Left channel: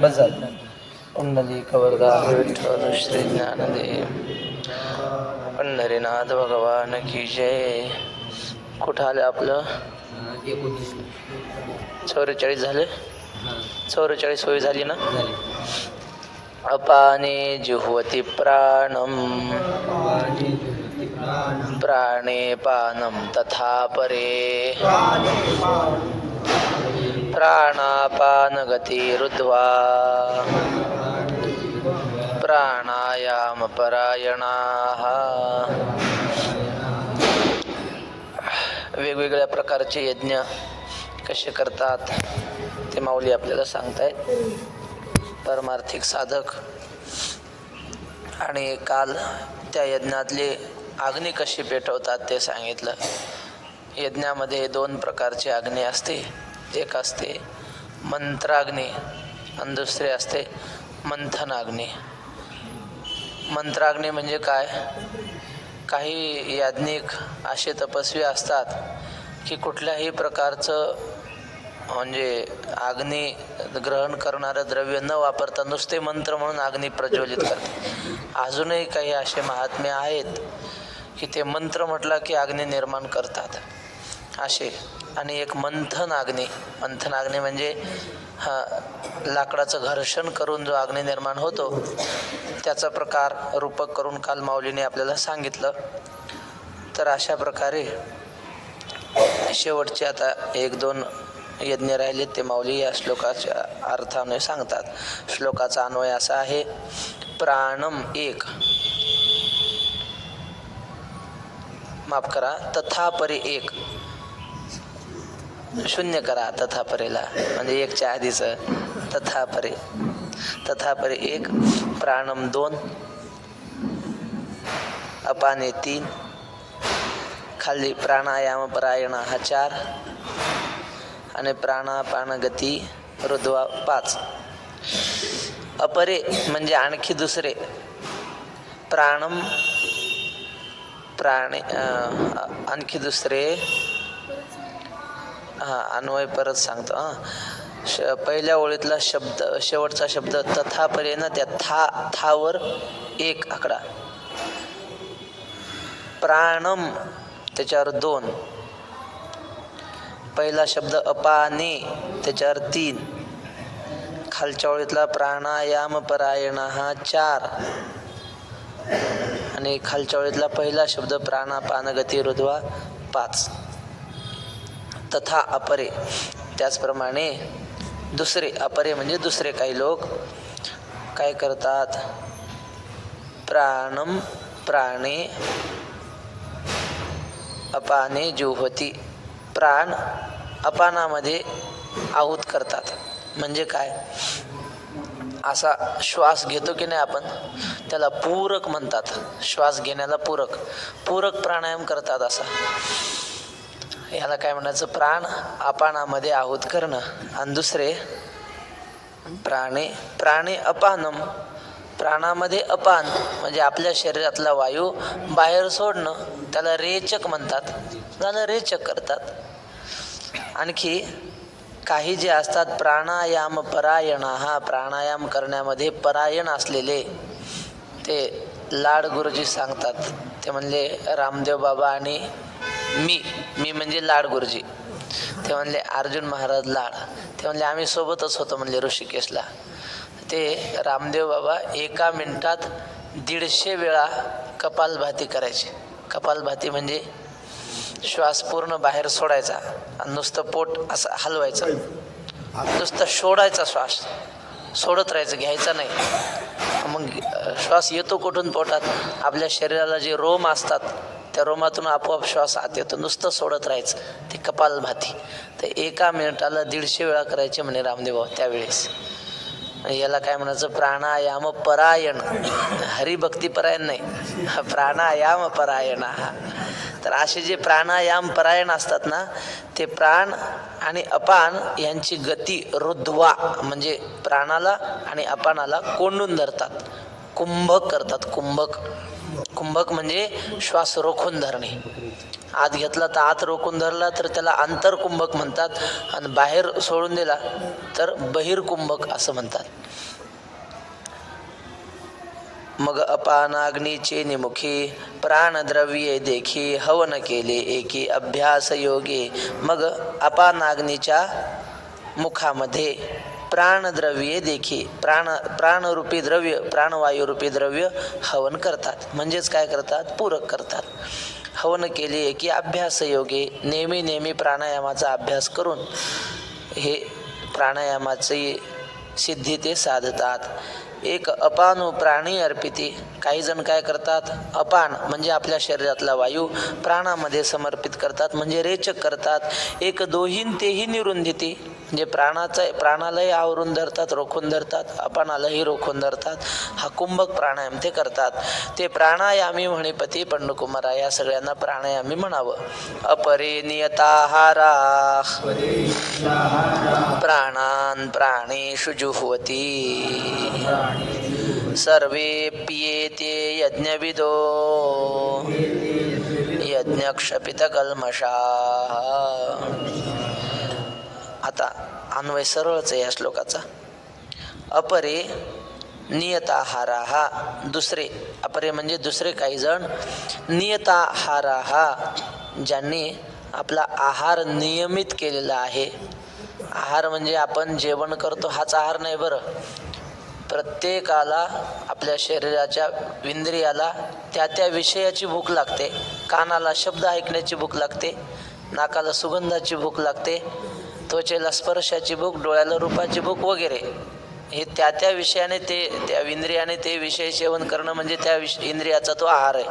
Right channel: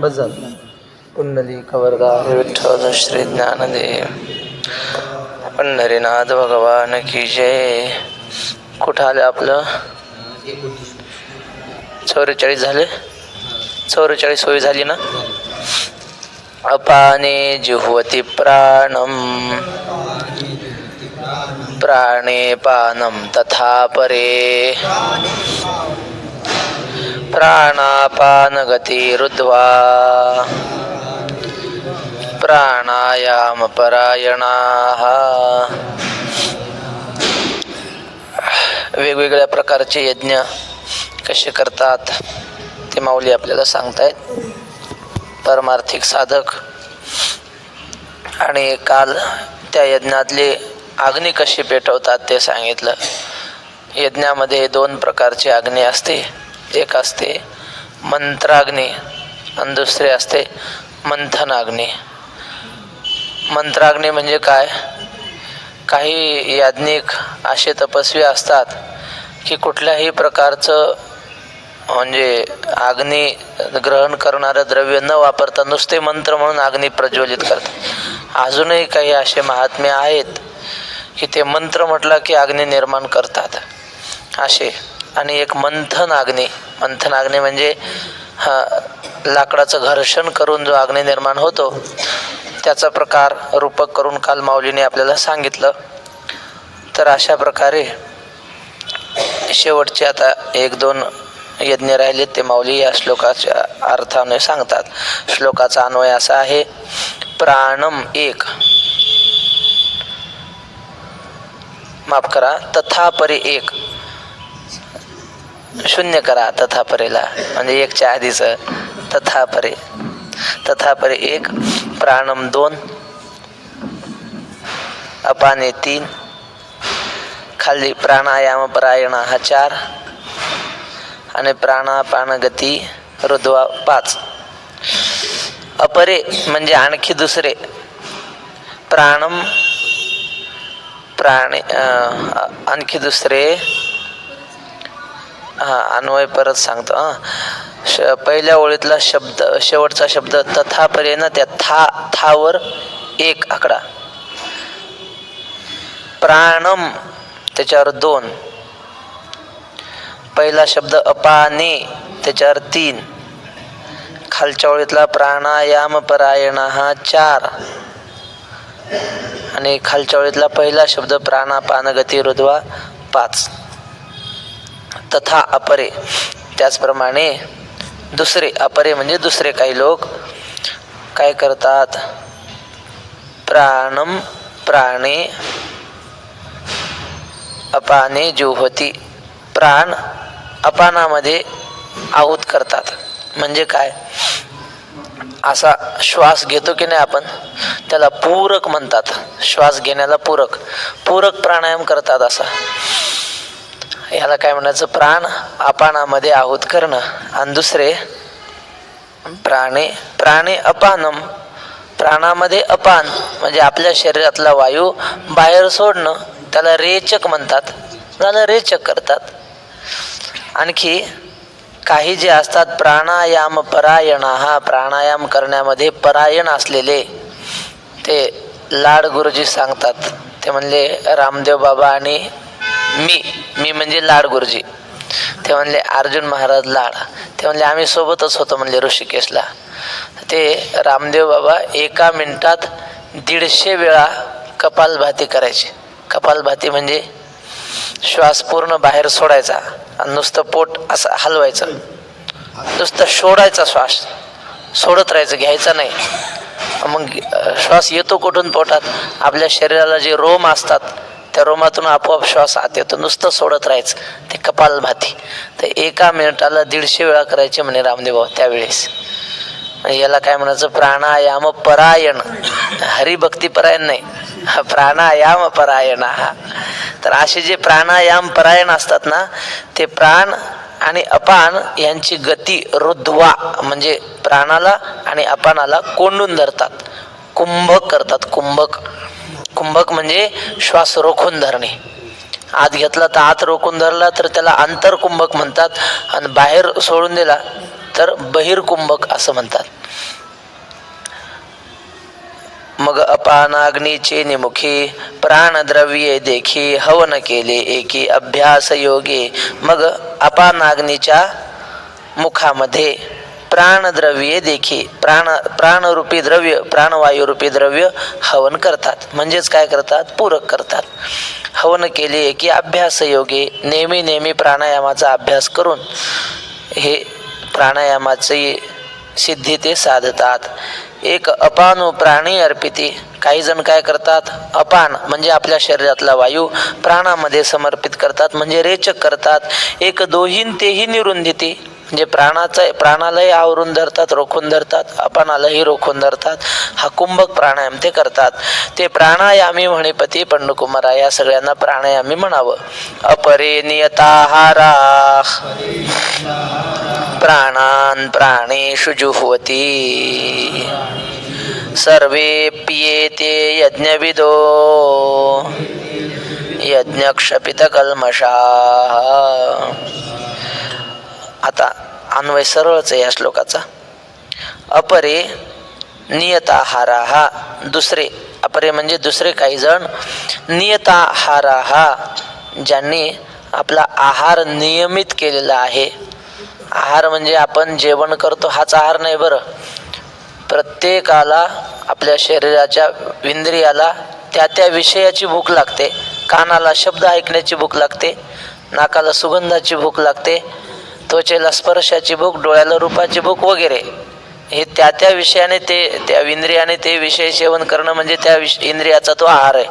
बस झालं. पुंडलिक वरदा विठ्ठल श्री ज्ञानदेव पंढरीनाथ भगवान की जय. कुठं आलं आपलं? 44 झाले. 44 होय झाली ना. अपाने जुह्वति प्राणम प्राणे पानम तथा परे प्राणापान गती रुद्ध्वा प्राणायाम परायणाः. वेगवेगळ्या प्रकारचे यज्ञ कसे करतात ते माऊली आपल्याला सांगतायत. परमार्थिक साधक आणि काल त्या यज्ञातले अग्नी कशी पेटवतात ते सांगितलं. यज्ञामध्ये 2 प्रकारची अग्नी असते. एक असते मंत्राग्नी आणि दुसरे असते मंथनाग्नी. मंत्राग्नी म्हणजे काय? काही याज्ञिक असे तपस्वी असतात की कुठल्याही प्रकारचं म्हणजे अग्नी ग्रहण करणारं द्रव्य न वापरता नुसते मंत्र म्हणून अग्नी प्रज्वलित करतात. अजूनही काही असे महात्मे आहेत की ते मंत्र म्हटलं की अग्नी निर्माण करतात असे. आणि एक मंथन अग्नी. मंथन अग्नी म्हणजे लाकडाचं घर्षण करून जो अग्नी निर्माण होतो त्याचा प्रकार रूपक करून काल माऊलीने आपल्याला सांगितलं. तर अशा प्रकारे शेवटचे आता 1-2 यज्ञ राहिले ते माऊली या श्लोकाच्या अर्थाने सांगतात. श्लोकाचा अन्वय असा आहे. प्राणम 1, माफ करा, तथा परे 1 शून्य करा तथा परेला, म्हणजे 1च्या आधीच तथा परे. तथा परे 1, प्राणम 2, अपाने 3, खाली प्राणायाम परायण हा 4 आणि प्राणापान गती रुद्ध्वा 5. अपरे म्हणजे आणखी दुसरे. प्राणम प्राणे आणखी दुसरे. अन्वय परत सांगतो. पहिल्या ओळीतला शब्द, शेवटचा शब्द तथा परे ना, त्या थावर 1 आकडा. प्राणम त्याच्यावर 2. पहिला शब्द अपाने त्याच्यावर 3. खालच्या ओळीतला प्राणायाम परायण हा 4 आणि खालच्या ओळीतला पहिला शब्द प्राणापान गती रुद्ध्वा 5. तथा अपरे त्याचप्रमाणे दुसरे. अपरे म्हणजे दुसरे. काही लोक काय करतात? प्राणम प्राणे अपाने जुह्वति, प्राण अपानामध्ये आहुत करतात. म्हणजे काय? असा श्वास घेतो की नाही आपण, त्याला पूरक म्हणतात. श्वास घेण्याला पूरक प्राणायाम करतात असा. याला काय म्हणायचं? प्राण अपानामध्ये आहुत करणं. आणि दुसरे प्राणे अपानम, प्राणामध्ये अपान म्हणजे आपल्या शरीरातला वायू बाहेर सोडणं, त्याला रेचक म्हणतात. त्याला रेचक करतात. आणखी काही जे असतात प्राणायाम परायण, हा प्राणायाम करण्यामध्ये परायण असलेले, ते लाड गुरुजी सांगतात. ते म्हणले रामदेव बाबा आणि मी म्हणजे लाड गुरुजी. ते म्हणले अर्जुन महाराज लाड. ते म्हणले आम्ही सोबतच होतो म्हणले ऋषिकेशला. ते रामदेव बाबा 1 मिनिटात 150 वेळा कपालभाती करायचे. कपालभाती म्हणजे श्वास पूर्ण बाहेर सोडायचा आणि नुसतं पोट असं हलवायचं, नुसतं सोडायचा श्वास, सोडत राहायचं, घ्यायचा नाही. मग श्वास येतो कुठून? पोटात. आपल्या शरीराला जे रोम असतात त्या रोमातून आपोआप श्वास आत येतो. नुसतं सोडत राहायचं, ते कपालभाती. तर 1 मिनिटाला 150 वेळा करायचे म्हणे रामदेव बाबा त्यावेळेस. याला काय म्हणायचं? प्राणायाम परायण. हरिभक्ती परायण नाही, प्राणायाम परायण. हा तर असे जे प्राणायाम परायण असतात ना, ते प्राण आणि अपान यांची गती रुद्ध्वा म्हणजे प्राणाला आणि अपानाला कोंडून धरतात, कुंभक करतात. कुंभक म्हणजे श्वास रोखून धरणे. आत घेतला तर आत रोखून धरला तर त्याला आंतरकुंभक म्हणतात, आणि बाहेर सोडून दिला तर बहिर्कुंभक असं म्हणतात. मग अपानाग्नीचे निमुखी प्राणद्रव्ये देखी हवन केले एकी अभ्यास योगे. मग अपानाग्नीच्या मुखामध्ये प्राणद्रव्ये देखी प्राणरूपी द्रव्य प्राणवायुरूपी द्रव्य हवन करतात. म्हणजेच काय करतात? पूरक करतात. हवन केले की अभ्यास योगे, नेहमी प्राणायामाचा अभ्यास करून हे प्राणायामाची सिद्धी ते साधतात. एक अपानो प्राणी अर्पिती. काही जण काय करतात? अपान म्हणजे आपल्या शरीरातला वायू प्राणामध्ये समर्पित करतात, म्हणजे रेचक करतात. एक दोहीन तेही निरुंदिती, म्हणजे प्राणालाही आवरून धरतात, रोखून धरतात, अपानालाही रोखून धरतात. हा कुंभक प्राणायाम ते करतात. ते प्राणायामी म्हणेपती पंडकुमारा. या सगळ्यांना प्राणायामी म्हणावं. अपरे नियताहारा प्राणान प्राणेषु जुह्वती सर्वे पियेते यज्ञविदो यज्ञक्षपित कल्मषाः. आता अन्वय सरळच आहे या श्लोकाचा. अपरे नियताहाराः, दुसरे. अपरे म्हणजे दुसरे काही जण. नियताहाराः, ज्यांनी आपला आहार नियमित केलेला आहे. आहार म्हणजे आपण जेवण करतो हाच आहार नाही बरं. प्रत्येकाला आपल्या शरीराच्या इंद्रियाला त्या विषयाची भूक लागते. कानाला शब्द ऐकण्याची भूक लागते, नाकाला सुगंधाची भूक लागते, त्वचेला स्पर्शाची भूक, डोळ्याला रूपाची भूक वगैरे. हे त्या विषयाने त्या इंद्रियाने ते विषय सेवन करणं म्हणजे त्या इंद्रियाचा तो आहार आहे.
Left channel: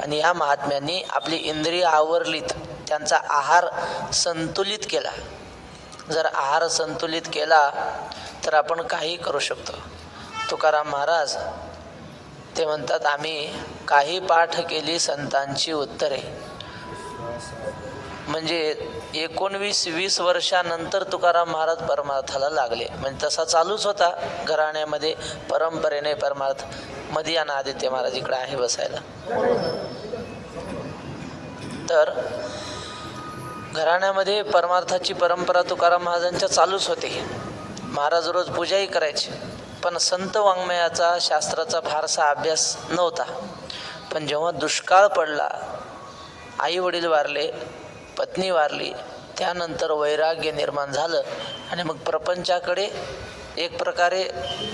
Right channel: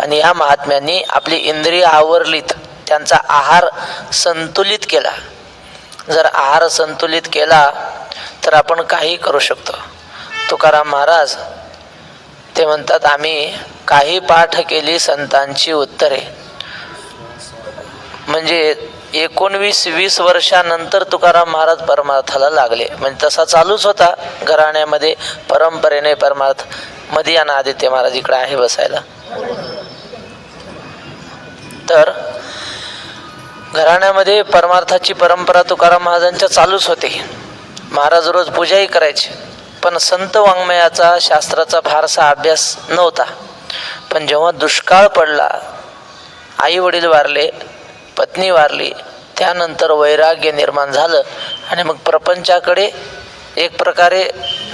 आणि या महात्म्यांनी आपली इंद्रिय आवरलीत, त्यांचा आहार संतुलित केला. जर आहार संतुलित केला तर आपण काही करू शकतो. तुकाराम महाराज ते म्हणतात, आम्ही काही पाठ केली संतांची उत्तरे. म्हणजे 19-20 वर्षानंतर तुकाराम महाराज परमार्थाला लागले. म्हणजे तसा चालूच होता घराण्यामध्ये परंपरेने परमार्थ. मदियाना आदित्य महाराज इकडे आहे बसायला. तर घराण्यामध्ये परमार्थाची परंपरा तुकाराम महाराजांच्या चालूच होती. महाराज रोज पूजाही करायचे, पण संत वाङ्मयाचा शास्त्राचा फारसा अभ्यास नव्हता. पण जेव्हा दुष्काळ पडला, आई वडील वारले, पत्नी वारली, त्यानंतर वैराग्य निर्माण झालं आणि मग प्रपंचाकडे एक प्रकारे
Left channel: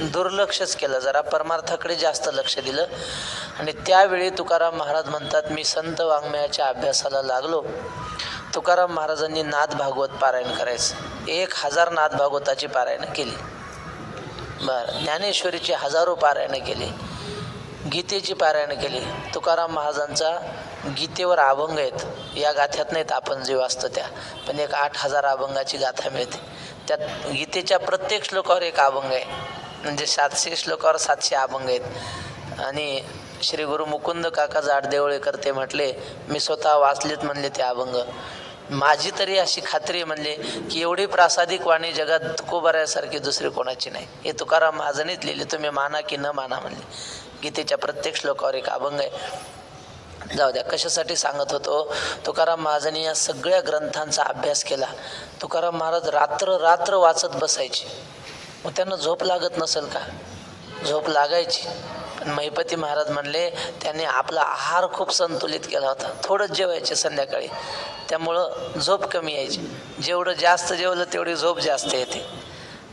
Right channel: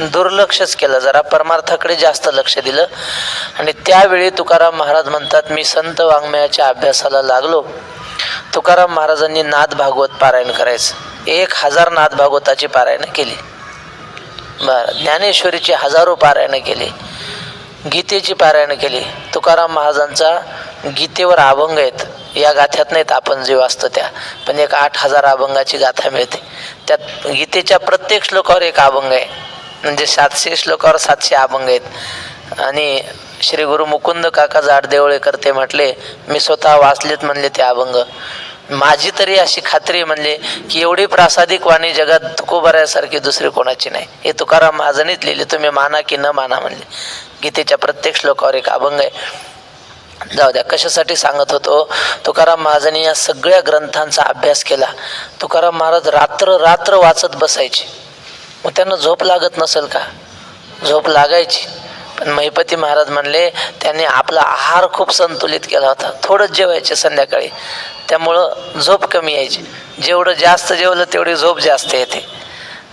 दुर्लक्षच केलं, जरा परमार्थाकडे जास्त लक्ष दिलं. आणि त्यावेळी तुकाराम महाराज म्हणतात, मी संत वाङ्मयाच्या अभ्यासाला लागलो. तुकाराम महाराजांनी नाद भागवत पारायण करायचं. 1000 नाद भागवताची पारायण केली. ज्ञानेश्वरीची हजारो पारायण केली. गीतेची पारायण केली. तुकाराम महाराजांचा गीतेवर अभंग आहेत. या गाथ्यात नाहीत आपण जे वाचतो त्या, पण एक 8000 अभंगाची गाथा मिळते. त्यात गीतेच्या प्रत्येक श्लोकावर एक अभंग आहे. म्हणजे 700 श्लोकावर 700 अभंग आहेत. आणि श्री गुरु मुकुंद काका जाडदेवळेकर ते म्हटले, मी स्वतः वाचलेत म्हणले ते अभंग. माझी तरी अशी खात्री म्हणले की एवढी प्रासादिक वाणी जगात तुकोबाऱ्यासारखी दुसरी कोणाची नाही. हे तुकाराम महाराजांनीच लिहिले, तुम्ही माना की न माना म्हणले. गीतेच्या प्रत्येक श्लोकावर एक अभंग आहे. जाऊ द्या, कशासाठी सांगत होतो. तुकाराम महाराजांनी या सगळ्या ग्रंथांचा अभ्यास केला. तुकाराम महाराज रात्र वाचत बसायचे. मग त्यांना झोप लागत नसेल का? झोप लागायची. पण महिपती महाराज म्हणले त्यांनी आपला आहार खूप संतुलित केला होता. थोडंच जेवायचे संध्याकाळी, त्यामुळं झोप कमी यायची. जेवढं जास्त जेवलं तेवढी झोप जास्त येते.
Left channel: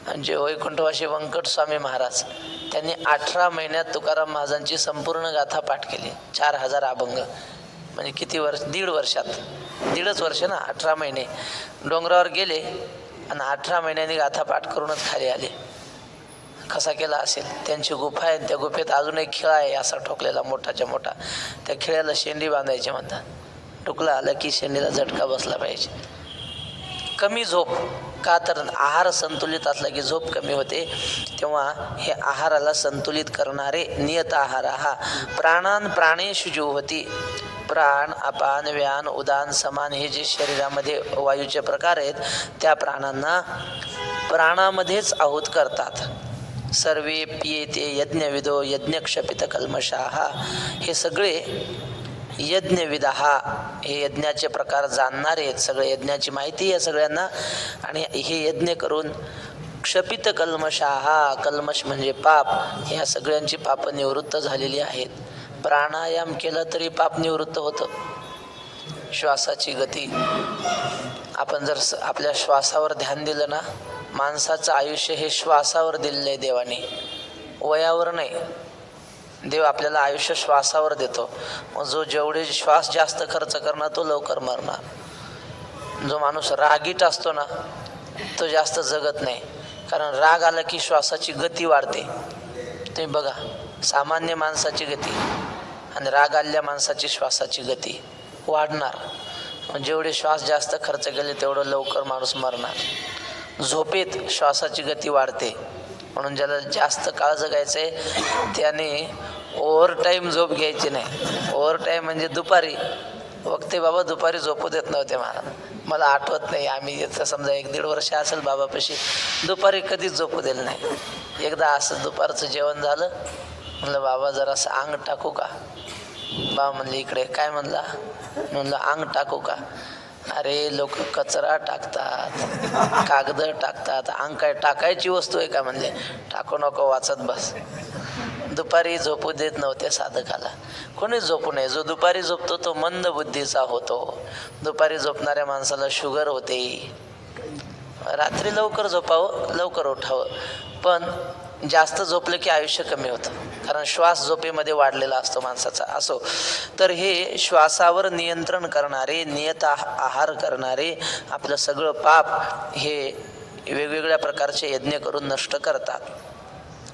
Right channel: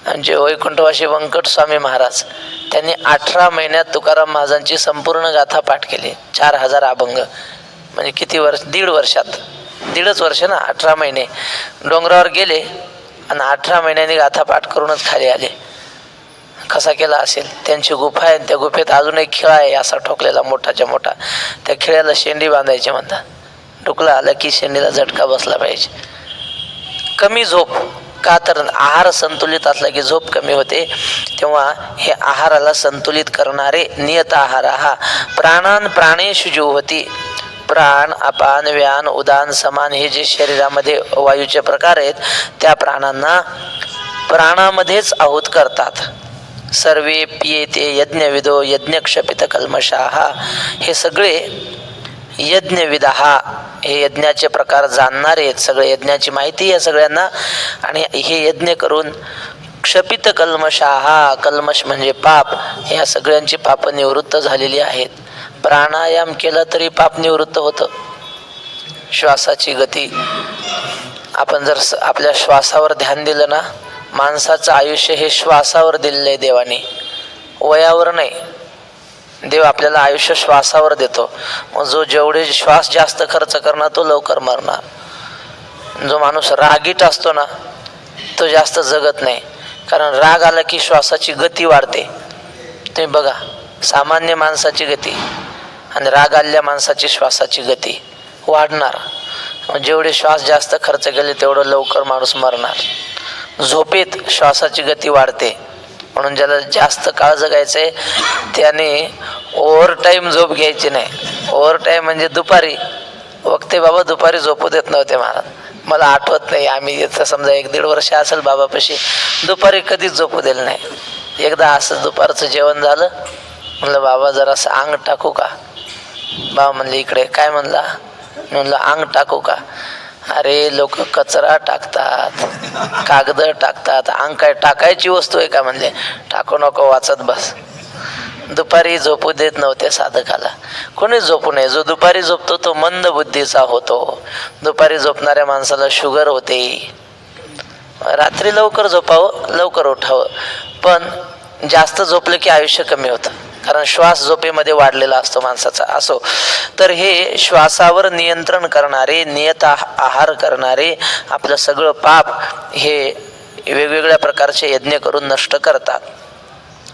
आणि जे वैकुंठवासी व्यंकट स्वामी महाराज त्यांनी 18 महिन्यात तुकाराम महाराजांची संपूर्ण गाथा पाठ केली. 4000 अभंग. म्हणजे किती वर्ष? 1.5 वर्षात. 1.5च वर्ष ना, 18 महिने. डोंगरावर गेले आणि 18 महिन्यांनी गाथा पाठ करूनच खाली आले. कसा केला असेल? त्यांची गुफा आहे, त्या गुफेत अजून एक खिळा आहे असा ठोकलेला मोठाच्या मोठा. त्या खिळ्याला शेंडी बांधायची म्हणतात. डुकला आला की शेंडीला झटका बसला पाहिजे. कमी झोप का? तर आहार संतुलित असला की झोप कमी होते. तेव्हा हे आहाराला संतुलित करणारे नियत आहार हा प्राणान प्राणेषु जुह्वति. प्राण, अपान, व्यान, उदान, समान हे जे शरीरामध्ये वायूचे प्रकार आहेत त्या प्राणांना प्राणामध्येच आहूत करतात. सर्वे पियेते यज्ञविदो यज्ञक्षपित कल्मषाः. हे सगळे यज्ञविदहा, हे यज्ञाचे प्रकार जाणणारे आहेत. सगळे यज्ञाची माहिती आहे सगळ्यांना. आणि हे यज्ञ करून क्षपित कल्मषाहा, कल्मष म्हणजे पाप, या सगळ्यांची पाप निवृत्त झालेली आहेत. प्राणायाम केला तरी पाप निवृत्त होतं. श्वासाची गती, आपण जर आपल्या श्वासावर ध्यान दिलं ना, माणसाचं आयुष्य हे श्वासावर दिलेलं आहे देवाने, वयावर नाही. देव आपल्याला आयुष्य श्वासावर देतो. मग जो जेवढे श्वास जास्त खर्च करणार तो लवकर मरणार. जो माणूस रागीट असतो ना तो जास्त जगत नाही, कारण राग आला की श्वासाची गती वाढते. तुम्ही बघा, सामान्य माणसाची गती आणि राग आलेल्या माणसाची श्वासाची गती वाढणार. जेवढे श्वास जास्त खर्च केले तेवढं लवकर माणूस मरणार. झोपेत श्वासाची गती वाढते, म्हणून ज्याला जास्त काळ जगायचंय त्याने ओव्हर टाईम झोप घ्यायची नाही. ओव्हर टाईम म्हणजे दुपारी वक्ते बाबा दुपारी झोपू देत नव्हते महाराज. मला आठवत नाही, आम्ही समजा 1-1.5 वर्ष असेल बाबापाशी, दुपारी कधीच झोपू दिलं नाही. एकदा असं दुपारचं जेवण झालं, म्हणलं बाबा जरासं अंग टाकू का? बाबा म्हणले इकडे. काय म्हणला? म्हणलं अंग टाकू का? अरे लोक कचरा टाकतात, कागद टाकतात, अंग काय टाकायची वस्तू आहे का? म्हणले टाकू नको, वाचत बस. दुपारी झोपू देत नव्हते साधकाला. कोणी झोपू नये. जो दुपारी झोपतो तो मंद बुद्धीचा होतो. दुपारी झोपणाऱ्या माणसाला शुगर होते. रात्री लवकर झोपावं, लवकर उठावं, पण जास्त झोपलं की आयुष्य कमी होतं, कारण श्वास झोपेमध्ये वाढलेला असतो माणसाचा. असो, तर हे श्वासावर नियंत्रण करणारे, नियत आहार करणारे आपलं सगळं पाप हे वेगवेगळ्या प्रकारचे यज्ञ करून नष्ट करतात.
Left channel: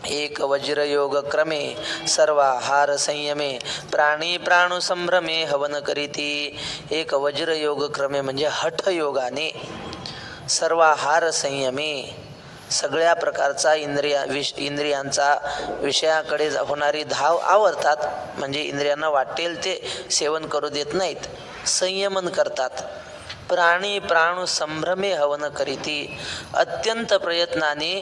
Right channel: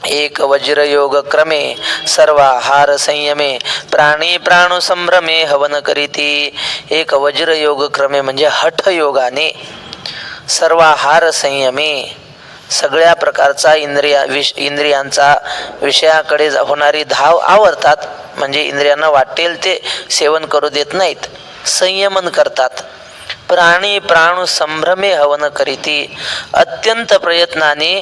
एक वज्रयोग क्रमे सर्वाहार संयमे प्राणी प्राणू संभ्रमे हवन करीती. एक वज्रयोग क्रमे म्हणजे हठ योगाने, सर्वाहार संयमे सगळ्या प्रकारचा इंद्रियांचा विषयाकडे होणारी धाव आवरतात, म्हणजे इंद्रियांना वाटेल ते सेवन करू देत नाहीत, संयमन करतात. प्राणी प्राणू संभ्रमे हवन करीती, अत्यंत प्रयत्नाने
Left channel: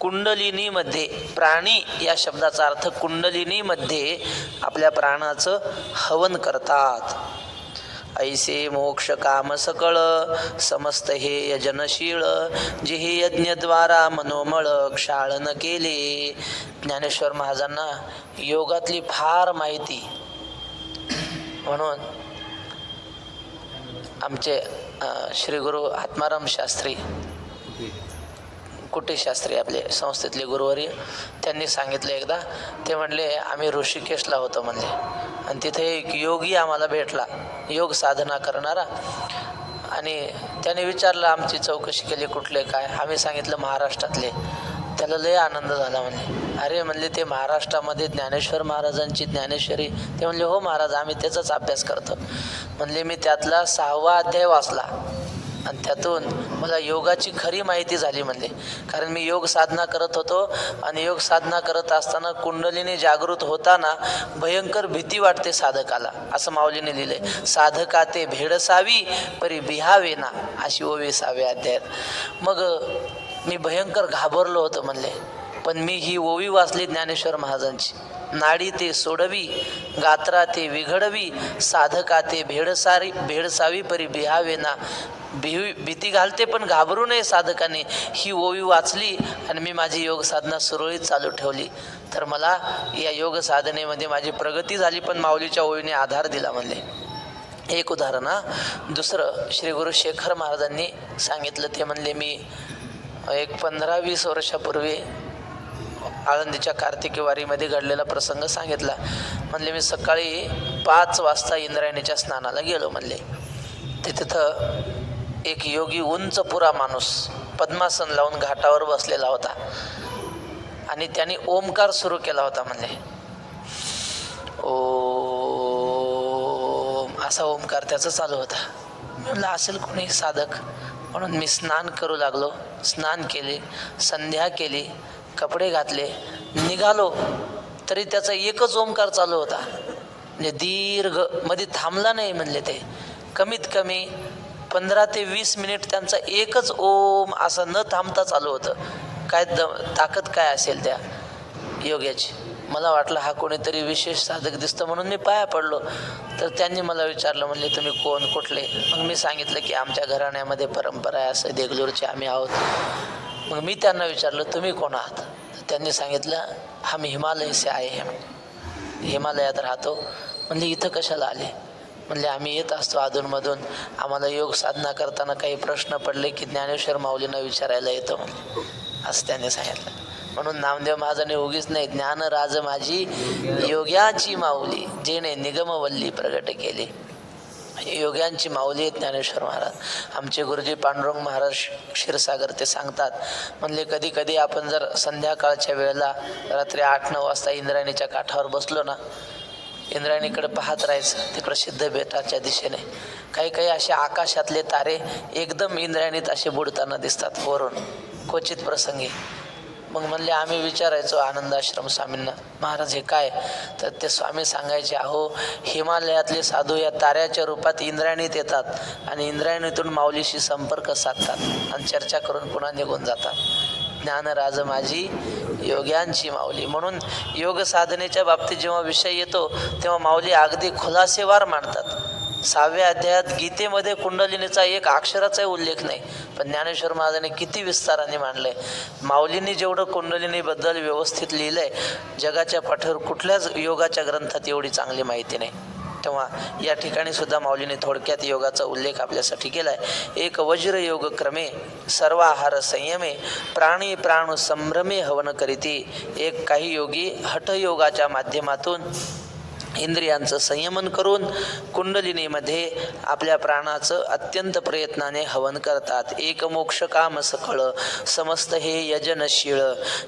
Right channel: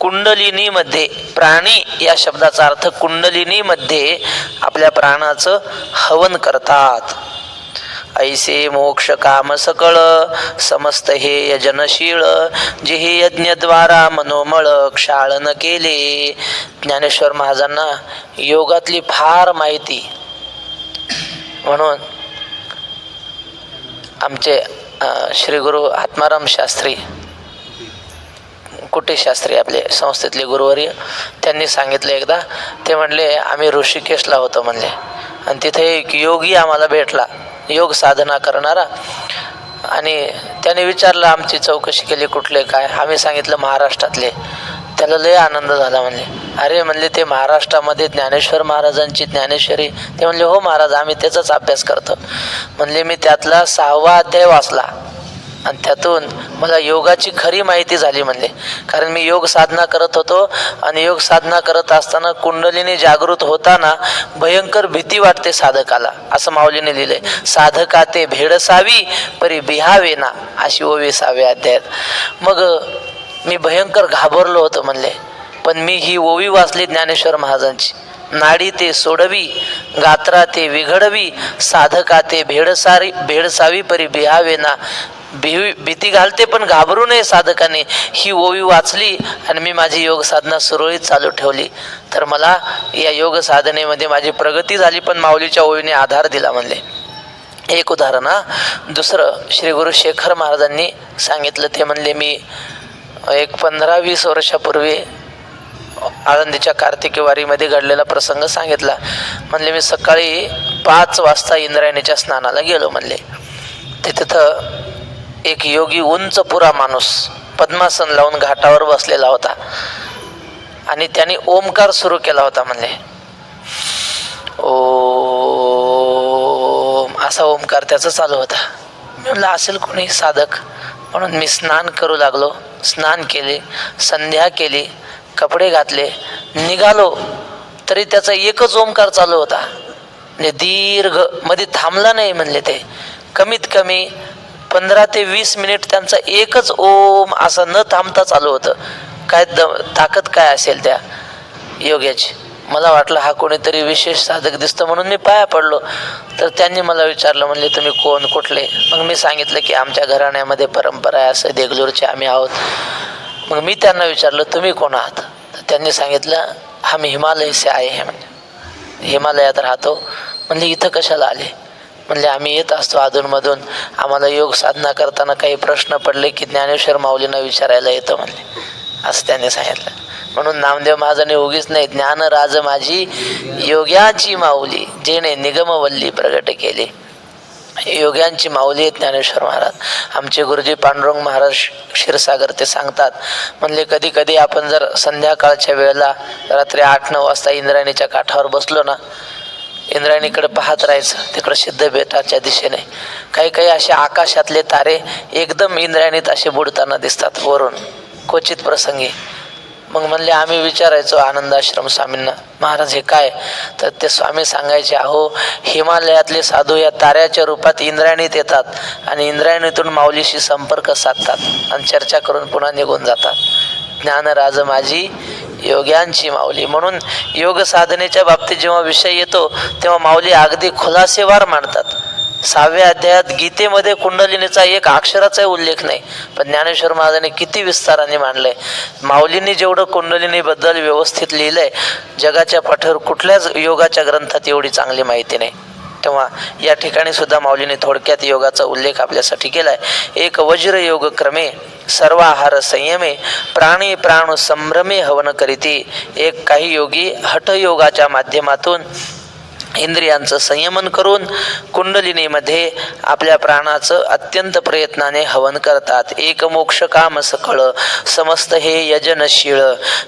कुंडलिनीमध्ये, प्राणी या शब्दाचा अर्थ कुंडलिनीमध्ये आपल्या प्राणाचं हवन करतात. ऐसे मोक्ष काम सकळ समस्त हे यजनशीळ, जे हे यज्ञद्वारा मनोमळ क्षाळन केले. ज्ञानेश्वर महाराजांना योगातली फार माहिती, म्हणून आमचे श्री गुरु आत्माराम शास्त्री कुटे शास्त्री आपले संस्थेतले गुरुवर्य, त्यांनी सांगितलं एकदा. ते म्हणले आम्ही ऋषिकेशला होतो म्हणले, आणि तिथे एक योगी आम्हाला भेटला, योग साधना करणारा. आणि त्याने विचारलं, आमची चौकशी केली कुठले काय, आम्ही सांगितलं महाराष्ट्रातले. त्याला लय आनंद झाला. म्हणले अरे म्हणले ते महाराष्ट्रामध्ये ज्ञानेश्वर महाराजांची ज्ञानेश्वरी. ते म्हणले हो महाराज, आम्ही त्याचाच अभ्यास करतो. म्हणले मी त्यातला 6वा अध्याय वाचला आणि त्यातून मला योगाची खरी माहिती झाली. म्हणले कारण मी योग साधना करत होतो, आणि योग साधना करत असताना कुंडलीने जागृत होताना भयंकर भीती वाटते साधकाला, असं माऊलीने लिहिलंय. साधका ते भेडसावी परी बिहावे ना, अशी 20व्या अध्यायात. मग मी भयंकर घाबरलो होतो म्हणले, पण मी ही ओवी वाचली ज्ञानेश्वर महाराजांची. नाडी ते सोडवी, गात्रा ते विघडवी, साधका ते भेडसावी परी बिहावे ना. भीती घालते पण घाबरू नये साधकाने. ही ओवी वाचली आणि मी माझी योग साधना सुरळीत चालू ठेवली, तर मला या योग साधनेमध्ये माझी प्रगती झाली. पण माऊलीच्या ओवीने आधार दिला म्हणले. एक उदाहरण. दुसरं श्री गुरु शेखर महाराजांनी सांगितलं. ते म्हणले मी एक 15-20 वर्षापूर्वी आळंदीच्या कार्तिकी वारीमध्ये घडलेला प्रसंग सांगितला. म्हणले मी सकाळी 5 वाजता इंद्रायणीच्या स्नानाला गेलो म्हणले. तिथं एक योगी उंच पुरा माणूस पद्मासन लावून घाटावर बसलेला होता, आणि त्याने ओमकार सुरू केला होता म्हणले. ओम असा ओमकार त्याचा चालू होता. मी म्हणलं असेल कोणी साधक, म्हणून मी स्नान करू लागलो. स्नान केले, संध्या केली, कपडे घातले, निघालो, तरी त्याचा एकच ओमकार चालू होता. म्हणजे दीर्घ, मध्ये थांबला नाही म्हणले. ते कमीत कमी 15 ते 20 मिनिट त्यांचा एकच ओम असं न थांबता चालू होतं. काय ताकद काय असेल त्या योग्याची. मला वाटलं हा कोणीतरी विशेष साधक दिसतं, म्हणून मी पाया पडलो. तर त्यांनी मला विचारलं, म्हणले तुम्ही कोण, कुठले? मग मी सांगितलं की आमच्या घराण्यामध्ये परंपरा आहे, असं देगलूरचे आम्ही आहोत. मग मी त्यांना विचारलं तुम्ही कोण आहात? तर त्यांनी सांगितलं आम्ही हिमालय से आए है, म्हणजे हिमालयात राहतो. म्हणजे इथं कशाला आले? म्हणले आम्ही येत असतो अधूनमधून, आम्हाला योग साधना करताना काही प्रश्न पडले की ज्ञानेश्वर माऊलींना विचारायला येतं म्हणले, असं त्यांनी सांगितलं. म्हणून नामदेव महाराजांनी उगीच नाही ज्ञान राज माझी योग्याची माऊली जेणे निगमवल्ली प्रगट केले. योग्यांची माऊली आहेत ज्ञानेश्वर महाराज. आमचे गुरुजी पांडुरंग महाराज क्षीरसागर ते सांगतात, म्हणले कधी कधी आपण जर संध्याकाळच्या वेळेला रात्री 8-9 वाजता इंद्रायणीच्या काठावर बसलो ना, इंद्रायणीकडे पाहत राहायचं, तिकडं सिद्धबेटाच्या दिशेने काही काही असे आकाशातले तारे एकदम इंद्रायणीत असे बुडताना दिसतात वरून क्वचित प्रसंगी. मग म्हणले आम्ही विचारायचो आनंदाश्रम स्वामींना, महाराज हे काय? तर ते स्वामी सांगायचे, अहो हिमालयातले साधू या ताऱ्याच्या रूपात इंद्रायणीत येतात आणि इंद्रायणीतून माऊलीशी संपर्क साधतात आणि चर्चा करून पुन्हा निघून जातात. ज्ञानराज माझी योग्यांची माऊली. म्हणून योग साधनेच्या बाबतीत जेव्हा विषय येतो तेव्हा माऊली अगदी खुलासेवार मांडतात. 6व्या अध्यायात गीतेमध्ये कुंडलिनीचा एक अक्षराचा उल्लेख नाही, पण ज्ञानेश्वर महाराजांनी किती विस्ताराने मांडलंय. माऊलींनी जेवढं कुंडलिनीबद्दल व्यवस्थित लिहिलंय जगाच्या पाठीवर कुठल्याच योगाच्या ग्रंथात एवढी चांगली माहिती नाही. तेव्हा या ठिकाणी सुद्धा माऊलीने थोडक्यात योगाचा उल्लेख आपल्यासाठी केलाय. एक वज्र योग क्रमे सर्वाहार संयमे प्राणी प्राण संभ्रमे हवन करीती. एक काही योगी हठयोगाच्या माध्यमातून इंद्रियांचं संयमन करून कुंडलिनीमध्ये आपल्या प्राणाचं अत्यंत प्रयत्नाने हवन करतात. एक मोक्ष काम सकळ समस्त हे यजनशीळ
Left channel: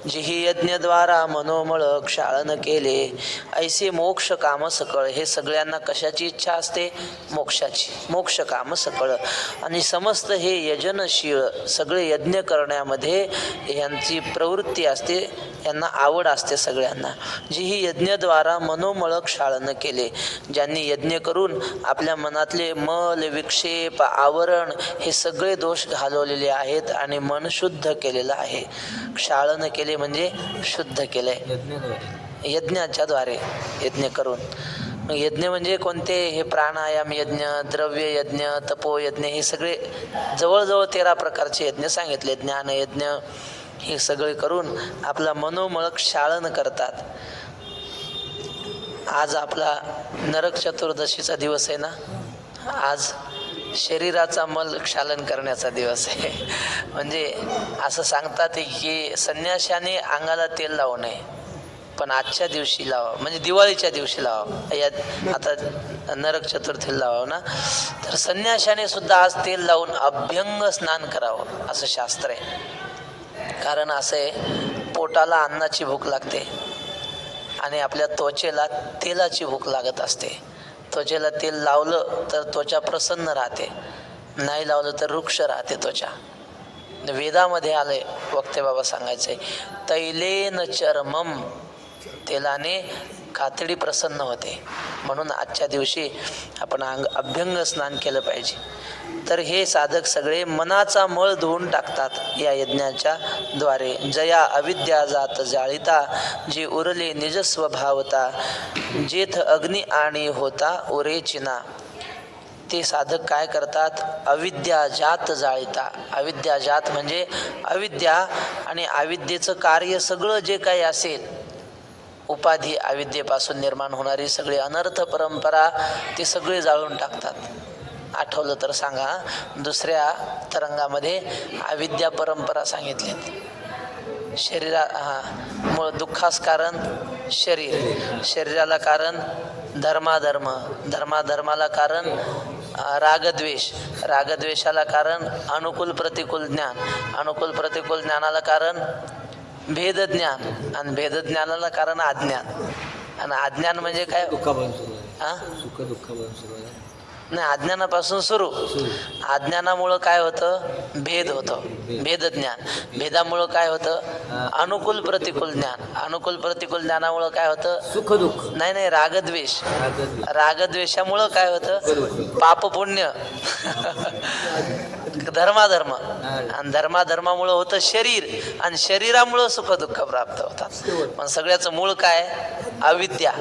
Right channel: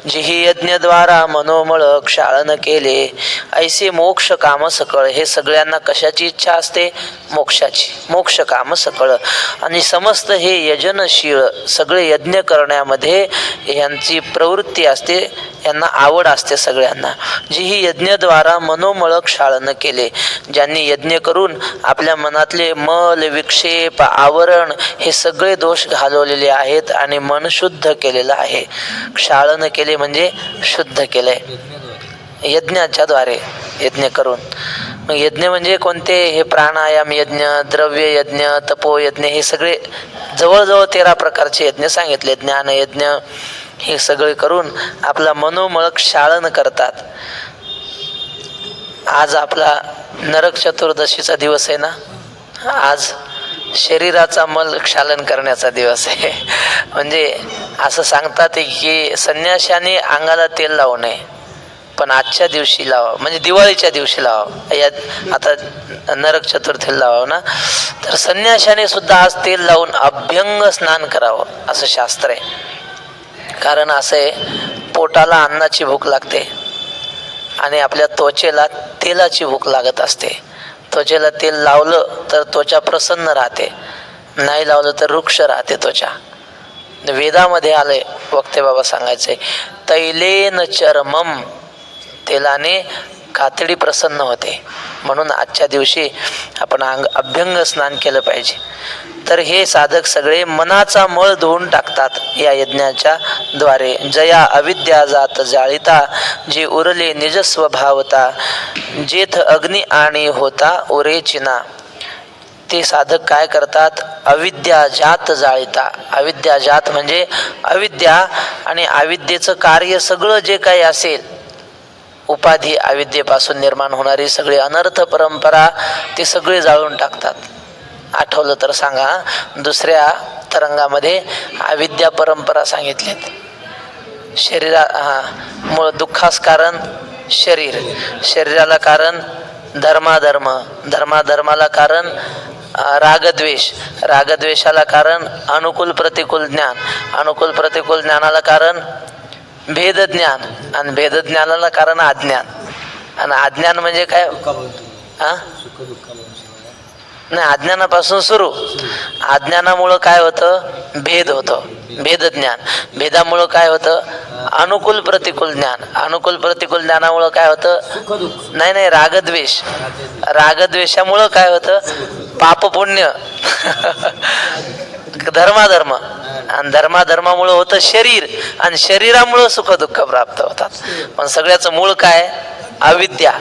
जिही यज्ञद्वारा मनोमळ क्षाळन केले. ऐसे मोक्ष काम सकळ. हे सगळ्यांना कशाची इच्छा असते? मोक्षाची. मोक्ष काम सकळ आणि समस्त हे यजनशीळ सगळे यज्ञ करण्यामध्ये यांची प्रवृत्ती असते, यांना आवड असते सगळ्यांना. जिही यज्ञद्वारा मनोमळ क्षाळन केले. ज्यांनी यज्ञ करून आपल्या मनातले मल विक्षेप आवरण हे सगळे दोष घालवलेले आहेत आणि मन शुद्ध केलेलं आहे. क्षाळन केले म्हणजे शुद्ध केलंय यज्ञाच्या द्वारे. यज्ञ करून मग यज्ञ म्हणजे कोणते? हे प्राणायाम यज्ञ, द्रव्य यज्ञ, तपोयज्ञ हे सगळे जवळजवळ 13 प्रकारचे यज्ञ सांगितले. ज्ञान यज्ञ हे सगळे करून आपला मनोमळ क्षाळन करतात. आज आपला नरक चतुर्दशीचा दिवस आहे ना, आज शरीराचा मल क्षालन करण्याचा दिवस आहे. म्हणजे असं सांगतात की संन्याशाने अंगाला तेल लावू नये, पण आजच्या दिवशी लावा, म्हणजे दिवाळीच्या दिवशी लावा. यात आता नरक चतुर्थीला लावावं ना, तर संन्याशाने सुद्धा आज तेल लावून अभ्यंग स्नान करावं असं शास्त्र आहे. कारण असं आहे, पोटाला अन्नाची भूक लागते आणि आपल्या त्वचेला तेलाची भूक लागत असते. त्वचेला तेल लावलं तर त्वचा प्रसन्न राहते, नाही लावलं तर रुक्ष राहते त्वचा. वेदामध्ये आलंय, वक्ते बाबा सांगायचंय, तैलेन चर्मम, तेलाने कातडी प्रसन्न होते. म्हणून आजच्या दिवशी आपण अभ्यंग स्नान केलं पाहिजे. तर हे साधक सगळे मनाचा मळ धुवून टाकतात या यज्ञाच्या द्वारे. जया अविद्या जात जाळिता जे उरले निज स्वभावता जेथ अग्नी आणि होता उरे चिना. ते साधक काय करतात? अविद्या जात जाळिता. अविद्या जात म्हणजे अविद्या आणि अविद्येचं कार्य सगळं जे काही असेल, उपाधी अविद्येपासून निर्माण होणारी सगळी अनर्थ परंपरा ते सगळे जाळून टाकतात. आठवलं तर सांगा, दुसऱ्या तरंगामध्ये अविद्या परंपरा सांगितलीत. मूळ दुःखास कारण शरीर, शरीराला कारण धर्माधर्म, धर्माधर्माला कारण रागद्वेष, रागद्वेषाला कारण अनुकूल प्रतिकूल ज्ञान, अनुकूल प्रतिकूल ज्ञानाला कारण भेद ज्ञान आणि भेद ज्ञानाला कारण अज्ञान. आणि अज्ञान म्हणजे काय? नाही, अज्ञानापासून सुरू. अज्ञानामुळं काय होतं? भेद होतं, भेद ज्ञान. भेदामुळं काय होतं? अनुकूल प्रतिकूल ज्ञान. अनुकूल प्रतिकूल ज्ञानामुळं काय होतं? नाही नाही, रागद्वेष. रागद्वेषामुळं काय होतं? पाप पुण्य. धर्माधर्म आणि धर्माधर्मामुळं होतं शरीर आणि शरीरामुळं सुख दुःख प्राप्त होतात. पण सगळ्याचं मूळ काय? अविद्या.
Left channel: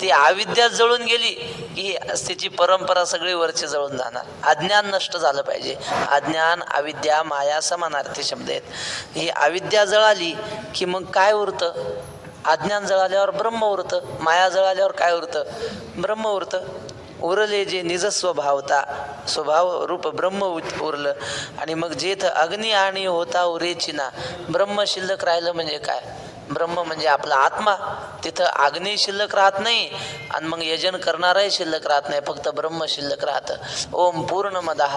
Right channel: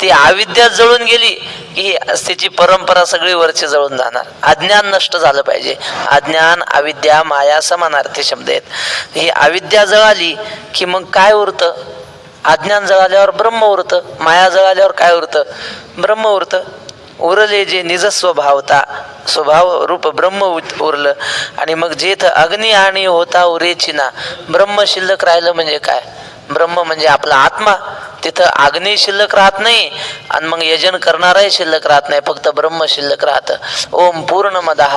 ती अविद्या जळून गेली की ही त्याची परंपरा सगळी वरची जळून जाणार. अज्ञान नष्ट झालं पाहिजे. अज्ञान, अविद्या, माया समानार्थी शब्द आहेत. ही अविद्या जळाली की मग काय उरतं? अज्ञान जळाल्यावर ब्रह्म उरतं. माया जळाल्यावर काय उरतं? ब्रह्म उरतं. उरले जे निज स्वभावता, स्वभाव रूप ब्रह्म उरलं. आणि मग जेथ अग्नी आणि होता उरेची ना, ब्रह्म शिल्लक राहिलं म्हणजे काय? ब्रह्म म्हणजे आपला आत्मा. तिथं अग्नी शिल्लक राहत नाही आणि मग यजन करणाराही शिल्लक राहत नाही, फक्त ब्रह्म शिल्लक राहतं. ओम पूर्णमदः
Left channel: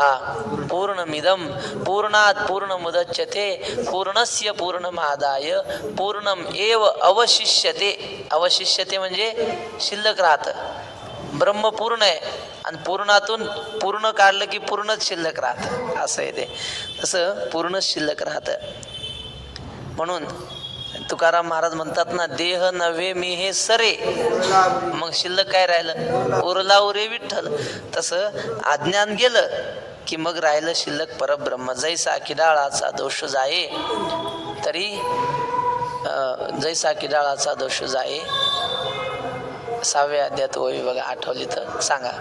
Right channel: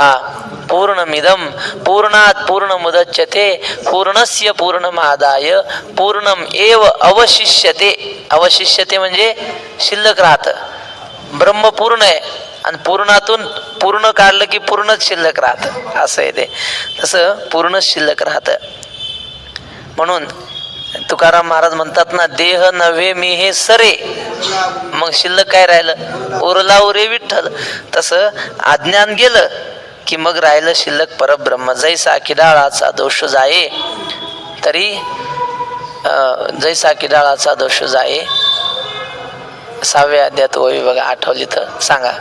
पूर्णमिदं पूर्णात् पूर्णमुदच्यते पूर्णस्य पूर्णमादाय पूर्णम एव अवशिष्यते. अवशिष्यते म्हणजे शिल्लक राहतं. ब्रह्म पूर्ण आहे आणि पूर्णातून पूर्ण काढलं की पूर्णच शिल्लक राहतं, असं आहे ते. तसं पूर्णच शिल्लक राहतं. म्हणून तुकाराम महाराज म्हणतात ना, देह नव्हे मी हे सरे, मग शिल्लक काय राहिलं? उरला उरे विठ्ठल. तसं अज्ञान गेलं की मग राहिलं शिल्लक परब्रह्म. जैसा किडाळाचा दोष जाये तरी जैसा किडाळाचा दोष जाये. 6व्या अध्यायात ओवी बघा, आठवली तर सांगा.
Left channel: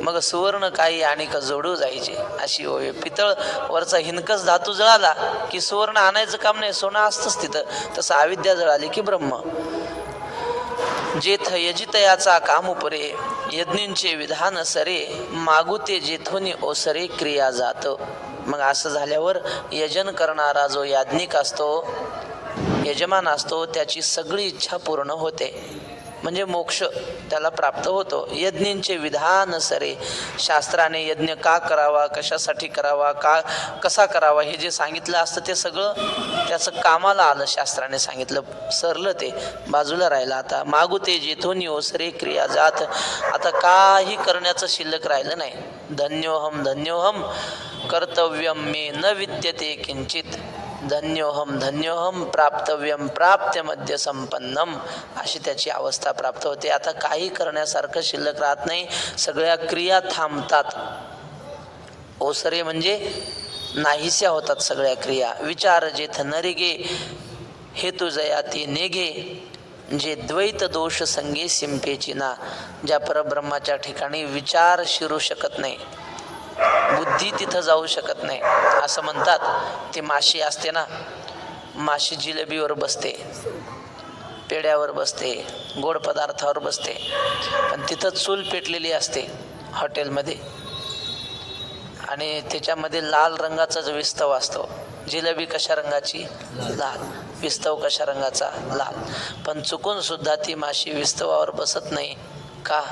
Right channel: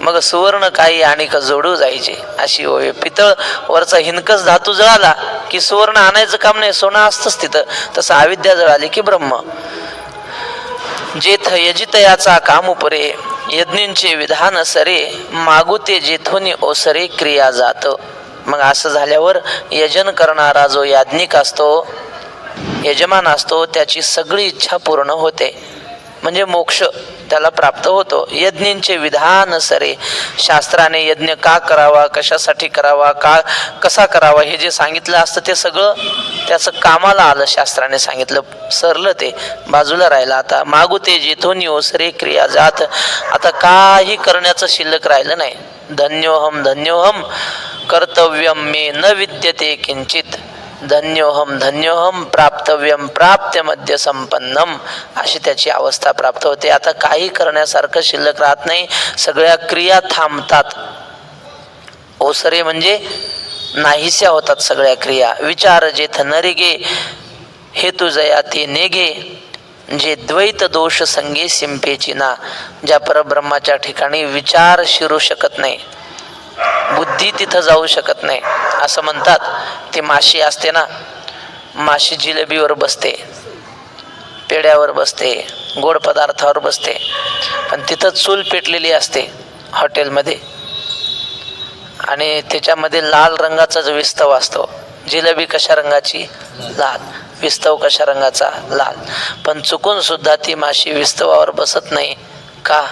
मग सुवर्ण काही आणि का जोडू जायचे, अशी ओवी. पितळ वरचा हिनकस धातू जळाला की सुवर्ण आणायचं काम नाही, सोनं असतंच तिथं. तसं अविद्या जळाली की ब्रह्म. जेथ यजितयाचा काम उपरे यज्ञींचे विधान सरे मागू ते जेथोनी ओसरे क्रिया जात. मग असं झाल्यावर यजन करणारा जो याज्ञिक असतो, यजमान असतो, त्याची सगळी इच्छा पूर्ण होते, म्हणजे मोक्ष त्याला प्राप्त होतो. यज्ञींचे विधान सरे, शास्त्राने यज्ञ का करावा, कशासाठी करावा, का कसा करावा हे जे सांगितलं असतं ते सगळं त्याचं कामाला आलं. शास्त्राने सांगितलं, सरलं, ते बाजूला राहिलं. आता मागू ते जेथून ओसरे क्रिया जात. आता काही करण्याचं शिल्लक राहिलं नाही. धन्योहम धन्योहम कर्तव्यम मे न विद्यते किंचित धन्योहम धन्योहम प्राप्तव्यम प्राप्त्य मध्य संपन्नम, अशी त्याची अवस्था प्राप्त होते. आता काही करण्यासारखं शिल्लक राहत नाही, सगळ्या क्रिया थांबतात. ओसरे म्हणजे नाहीशा होतात सगळ्या क्रिया. विचार जेथ नरिगे हेतू जया ते नेगे जे द्वैत दोष संगे सिंपेची ना. ज्या परब्रह्माच्या ठिकाणी विचार शिरू शकत नाही, बुद्धी तिथं जाऊ शकत नाही. असं म्हणतात, ती माशी असते ना, माशी जिलेबीवर बसते, पेड्यावर बसते, गोड पदार्थावर बसते, पण तिथं चूल पेटलेली असते हॉटेलमध्ये आणि त्याच्यामध्ये लाल रंगाचा जो विस्तव असतो. जिलेबी कशा रंगाची? लाल. विस्तव कशा रंगाचा? लाल. पण चुकून सुद्धा ती माशी विस्तवावर बसत नाही का?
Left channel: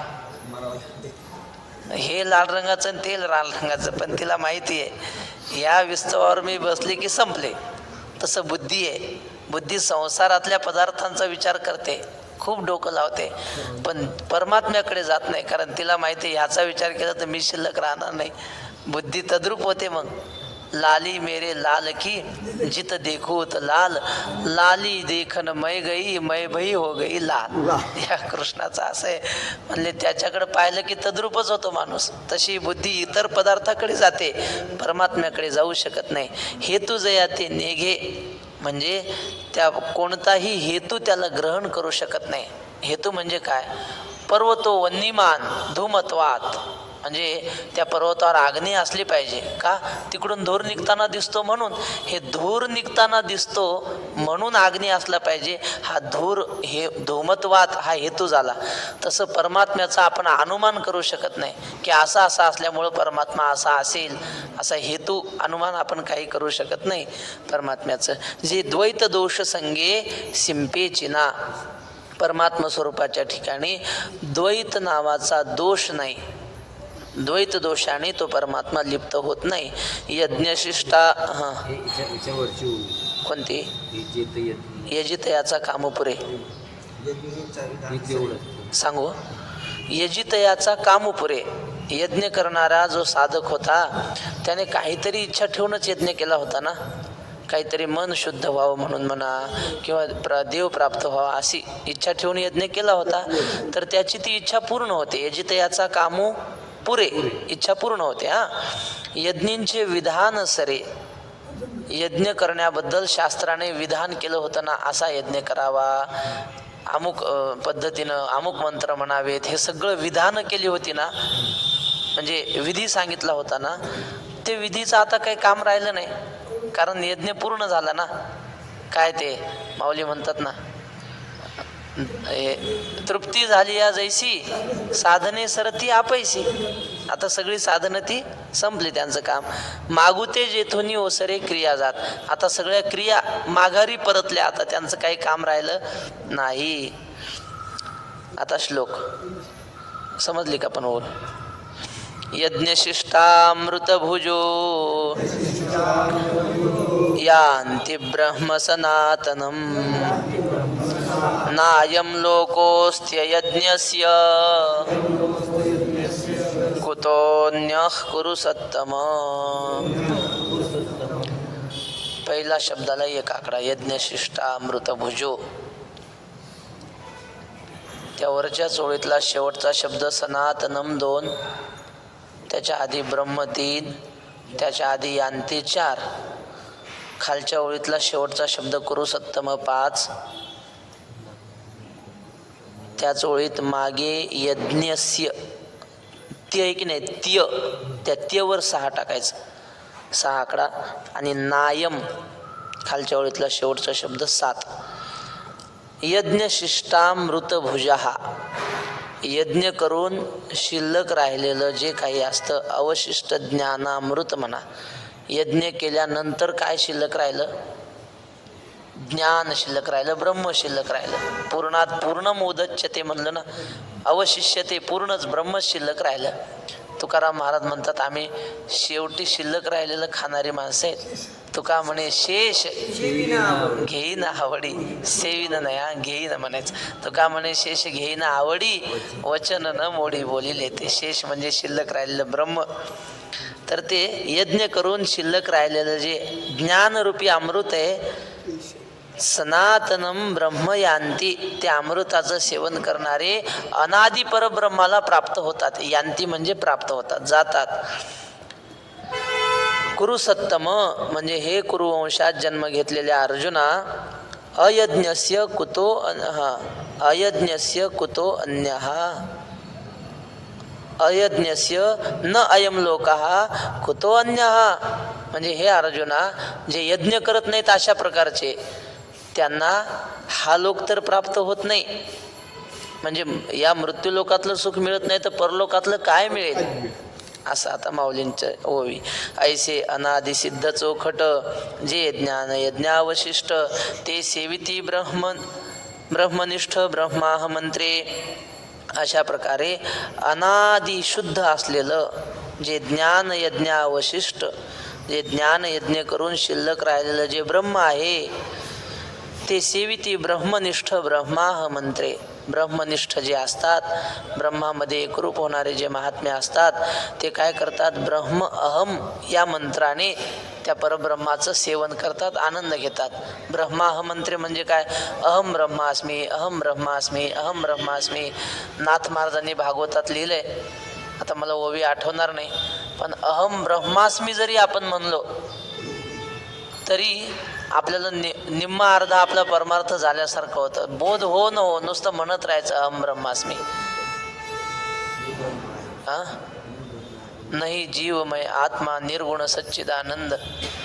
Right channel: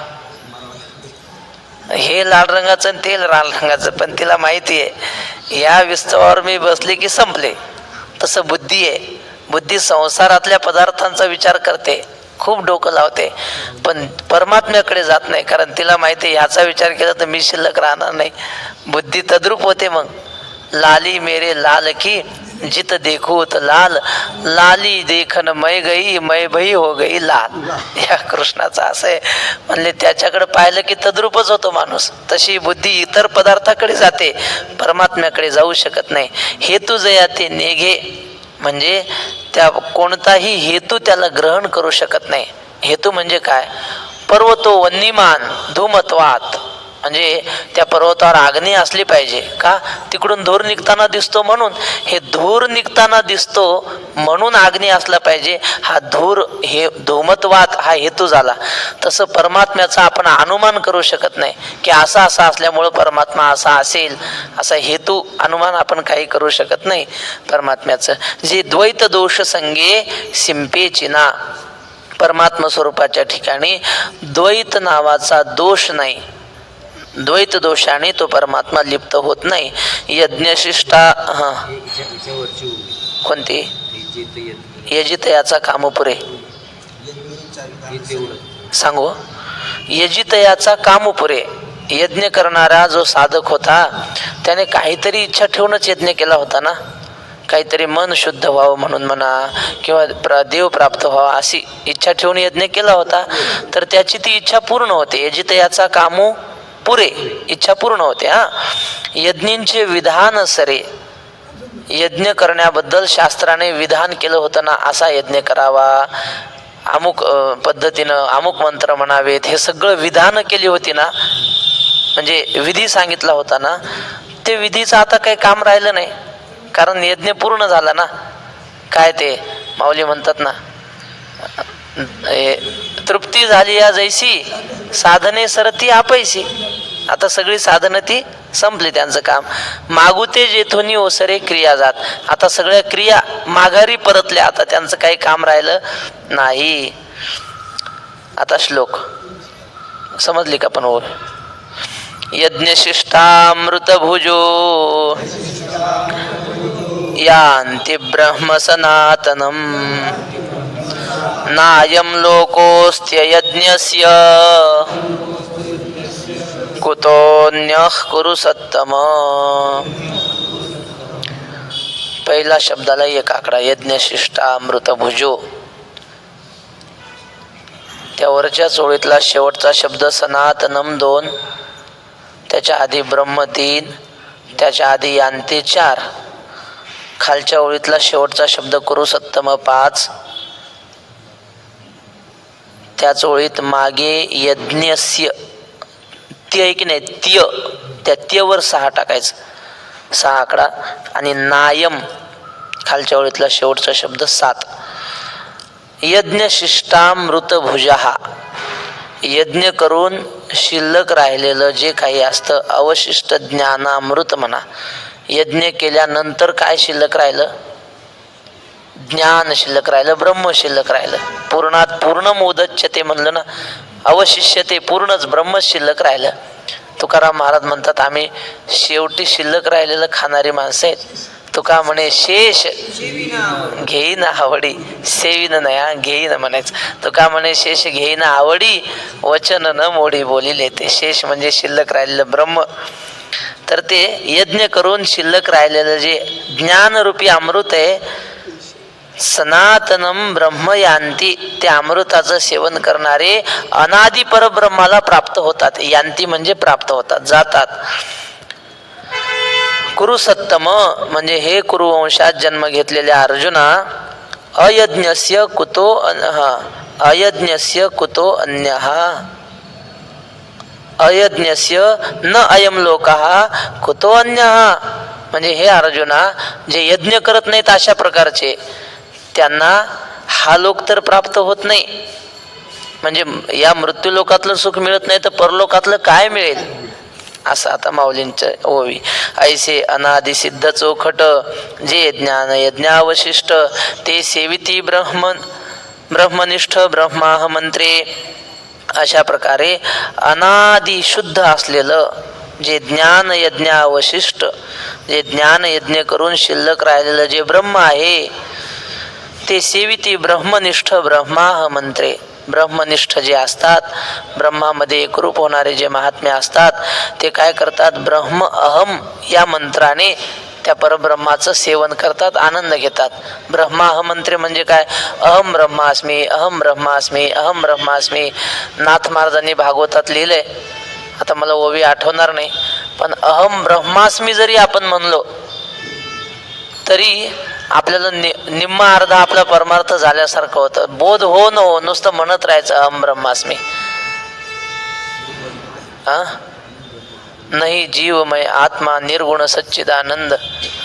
हे लाल रंगाचं आणि ते लाल रंगाचं, पण तिला माहिती आहे या विस्तवावर मी बसले की संपले. तसं बुद्धी आहे. बुद्धी संसारातल्या पदार्थांचा विचार करते, खूप डोकं लावते, पण परमात्म्याकडे जात नाही, कारण तिला माहिती आहे ह्याचा विचार केला तर मी शिल्लक राहणार नाही. बुद्धी तद्रूप होते. मग लाली मेरे लाल की जित देखू त लाल, लाली देखन मै गई मै भई हो गई लाल. या कृष्णाचा असं आहे. म्हणले त्याच्याकडे पाहिलं की तद्रूपच होतो माणूस. तशी बुद्धी इतर पदार्थाकडे जाते, परमात्म्याकडे जाऊ शकत नाही. हेतू जया ते नेघे म्हणजे त्या कोणताही हेतू त्याला ग्रहण करू शकत नाही. हेतू म्हणजे काय? पर्वतो वन्यमान धूमत्वात, म्हणजे त्या पर्वतावर अग्नी असली पाहिजे का? तिकडून धूर निघताना दिसतो म्हणून. हे धूर निघताना दिसतो म्हणून अग्नी असला पाहिजे. हा धूर, हे धूमत्वात हा हेतू झाला. तसं परमात्म्याचा आपण अनुमान करू शकत नाही की असा असा असल्यामुळं परमात्मा असा असेल, असा हेतू अनुमान आपण काही करू शकत नाही परमात्म्याचं. जे द्वैत दोष संगे सिंपेची ना, परमात्मा स्वरूपाच्या ठिकाणी द्वैत नावाचा दोष नाही. द्वैत दोषाने तो परमात्मा लिप्त होत नाही. यज्ञशिष्टा कोणती? यजितयाचा कामपुरे सांगू. यजितयाचा कामपुरे, यज्ञ करणारा जो साधक होता त्याने काहीतरी इच्छा ठेवूनच यज्ञ केला होता ना. काहीतरी मन शुद्ध व्हावं म्हणून म्हणा, किंवा देव प्राप्त व्हावा अशी इच्छा ठेवून यज्ञ केला होता, तर त्याची ती इच्छा पूर्ण होते. यजितयाचा कामू पुरे, इच्छा पूर्ण होते. यज्ञींचे विधान सरे, यज्ञ करण्याबद्दल शास्त्राने विधान केलं होतं ना, असा यज्ञ करावा. अमुक पद्धतीनं अमुक मंत्र म्हणावेत, हे सगळं विधान केली होती ना, म्हणजे विधी सांगितला होता ना, ते विधीचं आता काही काम राहिलं नाही, कारण यज्ञ पूर्ण झाला ना. काय ते माऊली म्हणतात ना, तृप्ती झाली या जैसी साधने सरती आपैसी. आता सगळी साधनं ती संपली, त्यांचं काम. मागुते जेथोनी ओसरे क्रिया जात. आता सगळ्या क्रिया माघारी परतल्या, आता त्यांचं काही काम राहिलं नाही. आता श्लोक समजली का? पण ओळ यज्ञशिष्टामृत भुजो यान्ति ब्रह्म सनातनम नायं लोकोऽस्त्य यज्ञस्य कुतोऽन्यः कुरु सत्तम. पहिला शब्दाला एक आकडा, यज्ञशिष्टामृत भुजो. त्या वरच्या चोळीतला शेवटचा शब्द सनातनम 2, त्याच्या आधी ब्रह्म 3, त्याच्या आधी यान्ति 4, खालच्या ओळीतला शेवटचा शब्द कुरु सत्तम 5, त्याच ओळीत मागे यज्ञस्य त्य की नाही त्य, त्या त्यवर 6 टाकायचं, 6 आकडा. आणि नायम खालच्या ओळीतला शेवटचा शब्द 7. यज्ञशिष्टामृत भुजहा, यज्ञ करून शिल्लक राहिलेलं जे काही असतं, अवशिष्ट ज्ञानामृत म्हणा. यज्ञ केल्यानंतर काय शिल्लक राहिलं? ज्ञान शिल्लक राहिलं, ब्रह्म शिल्लक राहिलं. पूर्णात पूर्ण मोदच्य ते म्हणलं ना, अवशिष्य ते पूर्णच ब्रह्म शिल्लक राहिलं. तुकाराम महाराज म्हणतात, आम्ही शेवटी शिल्लक राहिलेलं खाणारी माणसं आहेत. तुका म्हणे शेष घेईन आवडी, सेवीन नाही घेईन म्हणायचं. तुका म्हणे शेष घेईन आवडी, वचन न मोडी बोलिले. ते शेष म्हणजे शिल्लक राहिलेलं ब्रह्म. तर ते यज्ञ करून शिल्लक राहिलेलं जे ज्ञानरूपी अमृत आहे, सनातनम ब्रह्म यांती, त्या अमृताचं सेवन करणारे अनादि परब्रह्माला प्राप्त होतात. यांती म्हणजे प्राप्त होतात, जातात. कुरु सत्तम म्हणजे हे कुरुवंशात जन्म घेतलेल्या अर्जुना, अयज्ञस्य कुतो अयज्ञस्य कुतो अन्यः, अयज्ञस्य न अयम लोकः कुतो अन्यः. म्हणजे हे अर्जुना, जे यज्ञ करत नाहीत अशा प्रकारचे, त्यांना हा लोक तर प्राप्त होत नाही. म्हणजे या मृत्यू लोकातलं सुख मिळत नाही, तर परलोकातलं काय मिळेल? असं आता माऊलींचं ओवी. ऐसे अनादि सिद्ध चोखट, जे ज्ञान यज्ञावशिष्ट, ते सेविती ब्रह्मनिष्ठ ब्रह्माह मंत्रे. अशा प्रकारे अनादि शुद्ध असलेलं जे ज्ञान यज्ञावशिष्ट, जे ज्ञान यज्ञ करून शिल्लक राहिलेलं जे ब्रह्म आहे, ते सेविती ब्रह्मनिष्ठ ब्रह्माह मंत्रे. ब्रह्मनिष्ठ जे असतात, ब्रह्मामध्ये एकरूप होणारे जे महात्मे असतात, ते काय करतात? ब्रह्म अहम या मंत्राने त्या परब्रह्माचं सेवन करतात, आनंद घेतात. ब्रह्माह मंत्रे म्हणजे काय? अहम ब्रह्मास्मी, अहम ब्रह्मास्मी, अहम ब्रह्मास्मी. नाथ महाराजांनी भागवतात लिहिलंय, आता मला ओवी आठवणार नाही, पण अहम ब्रह्मास्मी जरी आपण म्हणलो तरी आपल्याला निम्मा अर्धा आपला परमार्थ झाल्यासारखं होतं. बोध हो न हो, नुसतं म्हणत राहायचं अहम ब्रह्मास्मी. नाही जीवमय आत्मा निर्गुण सच्चिदानंद,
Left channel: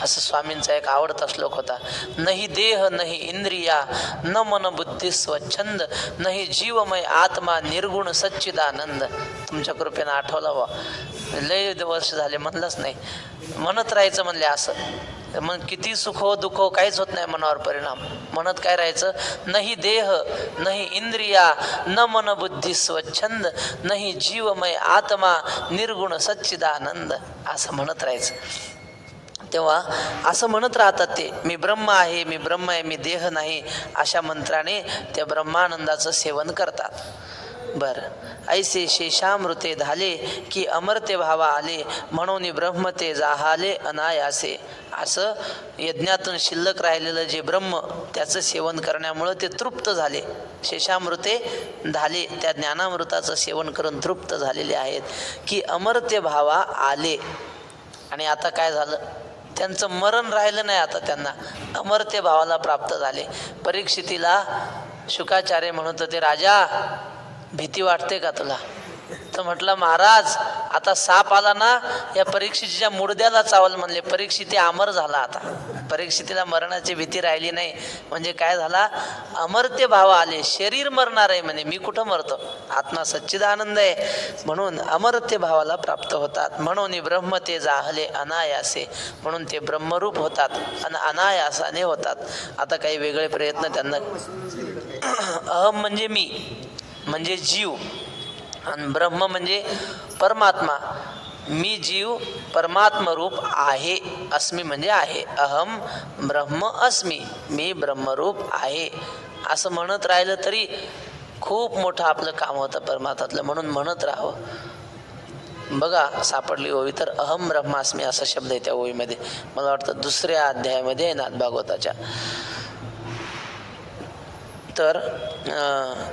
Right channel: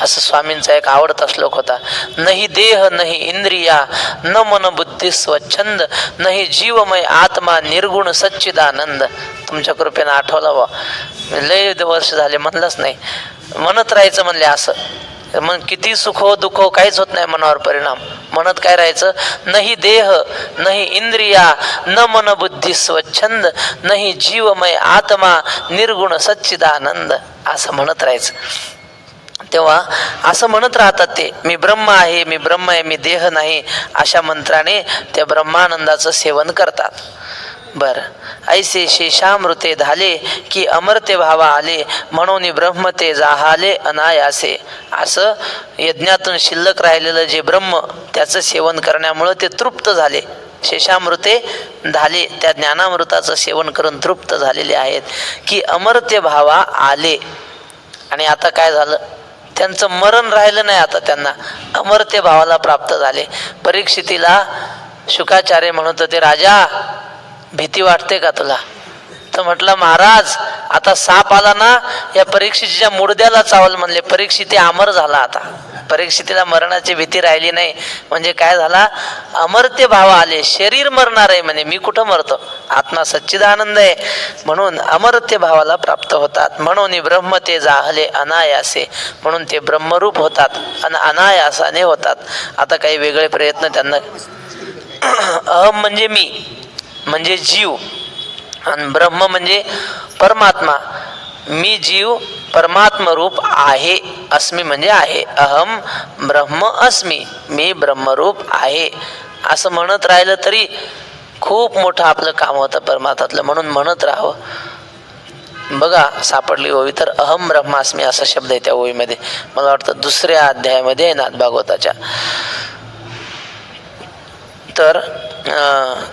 असं स्वामींचा एक आवडता श्लोक होता. नाही देह नाही इंद्रिया न मन बुद्धी स्वच्छंद, नाही जीवमय आत्मा निर्गुण सच्चिदानंद. तुमच्या कृपेनं आठवला बा, लय वर्ष झाले म्हणलंच नाही, म्हणत राहायचं म्हणले. असं मग किती सुख हो दुःख हो काहीच होत नाही मनावर परिणाम. म्हणत काय राहायचं? नाही देह नाही इंद्रिया न मन बुद्धी स्वच्छंद, नाही जीवमय आत्मा निर्गुण सच्चिदानंद, असं म्हणत राहायचं. तेव्हा असं म्हणत राहतात ते, मी ब्रह्म आहे, मी ब्रह्म आहे, मी देह नाही, अशा मंत्राने त्या ब्रह्मानंदाचं सेवन करतात. बर, ऐसे शेषामृते झाले की अमर्त्य भावा आले, म्हणून ब्रह्म ते जाहाले अनायासे. असं यज्ञातून शिल्लक राहिलेलं जे ब्रह्म, त्याचं सेवन करण्यामुळं ते तृप्त झाले. शेषामृते झाले, त्या ज्ञानामृताचं सेवन करून तृप्त झालेले आहेत. की अमर्त्य भावा आले, आणि आता काय झालं? त्यांचं मरण राहिलं नाही, आता त्यांना अमर्त्य भावाला प्राप्त झाले. परीक्षितीला शुकाचार्य म्हणत होते, राजा भीती वाटते का तुला? तर म्हटलं, महाराज आता साप आला ना, या परीक्षितीच्या मुडद्याला चावल म्हणले. परीक्षिती अमर झाला. आता परीक्षितीला मरणाची भीती राहिली नाही. म्हणजे काय झाला? अमर्त्य भाव आले. शरीर मरणार आहे म्हणे, मी कुठं मरतो, आत्मा सच्चिदानंद आहे. म्हणून अमर्त्य भावाला प्राप्त होतात. म्हणून ब्रह्म ते जाहले अनायासे, म्हणून ते ब्रह्मरूप होतात आणि अनायासाने होतात. आता काही वेगळे प्रयत्न त्यांना. अहम म्हणजे मी, म्हणजे जीव, आणि ब्रह्म म्हणजे परमात्मा. मी जीव परमात्म रूप आहे. अस्मी म्हणजे आहे. अहम ब्रह्म अस्मी, मी ब्रह्मरूप आहे. असं म्हणत राहिलं तरी खूप मोठं आपलं काम होतं परमात्म्यातलं. म्हणून म्हणत राहावं. बघा सापडली ओवी तर अहम ब्रह्मास्मी असा शब्द आहे त्या ओवीमध्ये. मला वाटतं 2ऱ्या अध्यायामध्ये आहे नाथ भागवताच्या. तर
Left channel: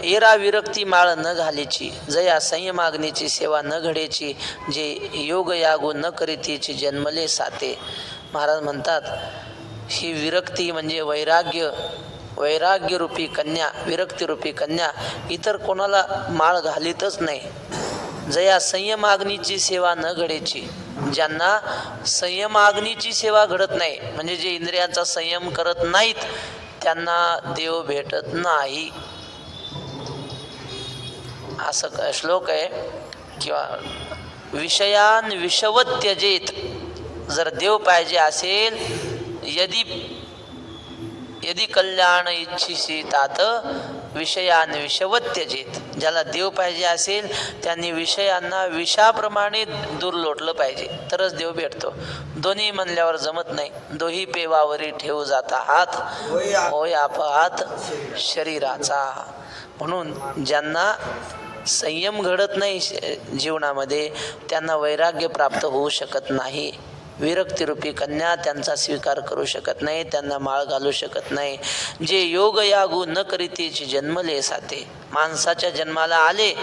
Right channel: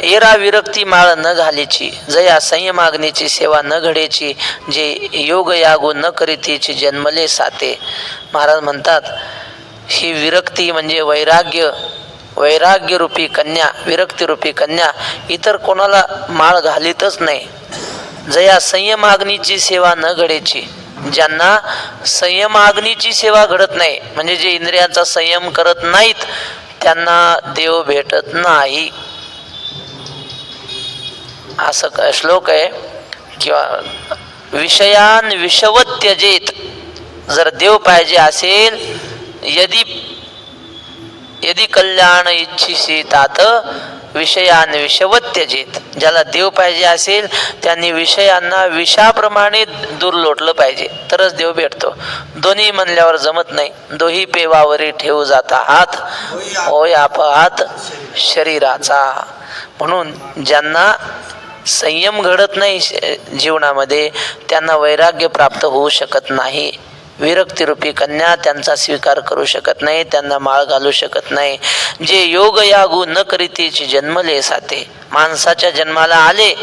एरा विरक्ती माळ न घालीची, जया संयमाग्नीची सेवा न घडेची, जे योग यागो न करीतीची जन्मले साते. महाराज म्हणतात ही विरक्ती म्हणजे वैराग्य, वैराग्य रूपी कन्या, विरक्ती रूपी कन्या इतर कोणाला माळ घालीतच नाही. जया संयमाग्नीची सेवा न घडेची, ज्यांना संयमाग्नीची सेवा घडत नाही, म्हणजे जे इंद्रियांचा संयम करत नाहीत त्यांना देव भेटत नाही. असं श्लोक आहे. किंवा विषयान विषवत त्यजेत, जर देव पाहिजे असेल, यदि कल्याण इच्छिसी तात विषयान विषवत त्यजेत. ज्याला देव पाहिजे असेल त्यांनी विषयांना विषाप्रमाणे दूर लोटलं पाहिजे, तरच देव भेटतो. दोन्ही म्हणल्यावर जमत नाही. दोही पेवावरी ठेवू जाता हात, होय अपहात शरीराचा. म्हणून ज्यांना संयम घडत नाही जीवनामध्ये त्यांना वैराग्य प्राप्त होऊ शकत नाही. विरक्तिरूपी कन्या त्यांचा स्वीकार करू शकत नाही, त्यांना माळ घालू शकत नाही. जे योग यागू न करीतीची जन्मले साते, माणसाच्या जन्माला आले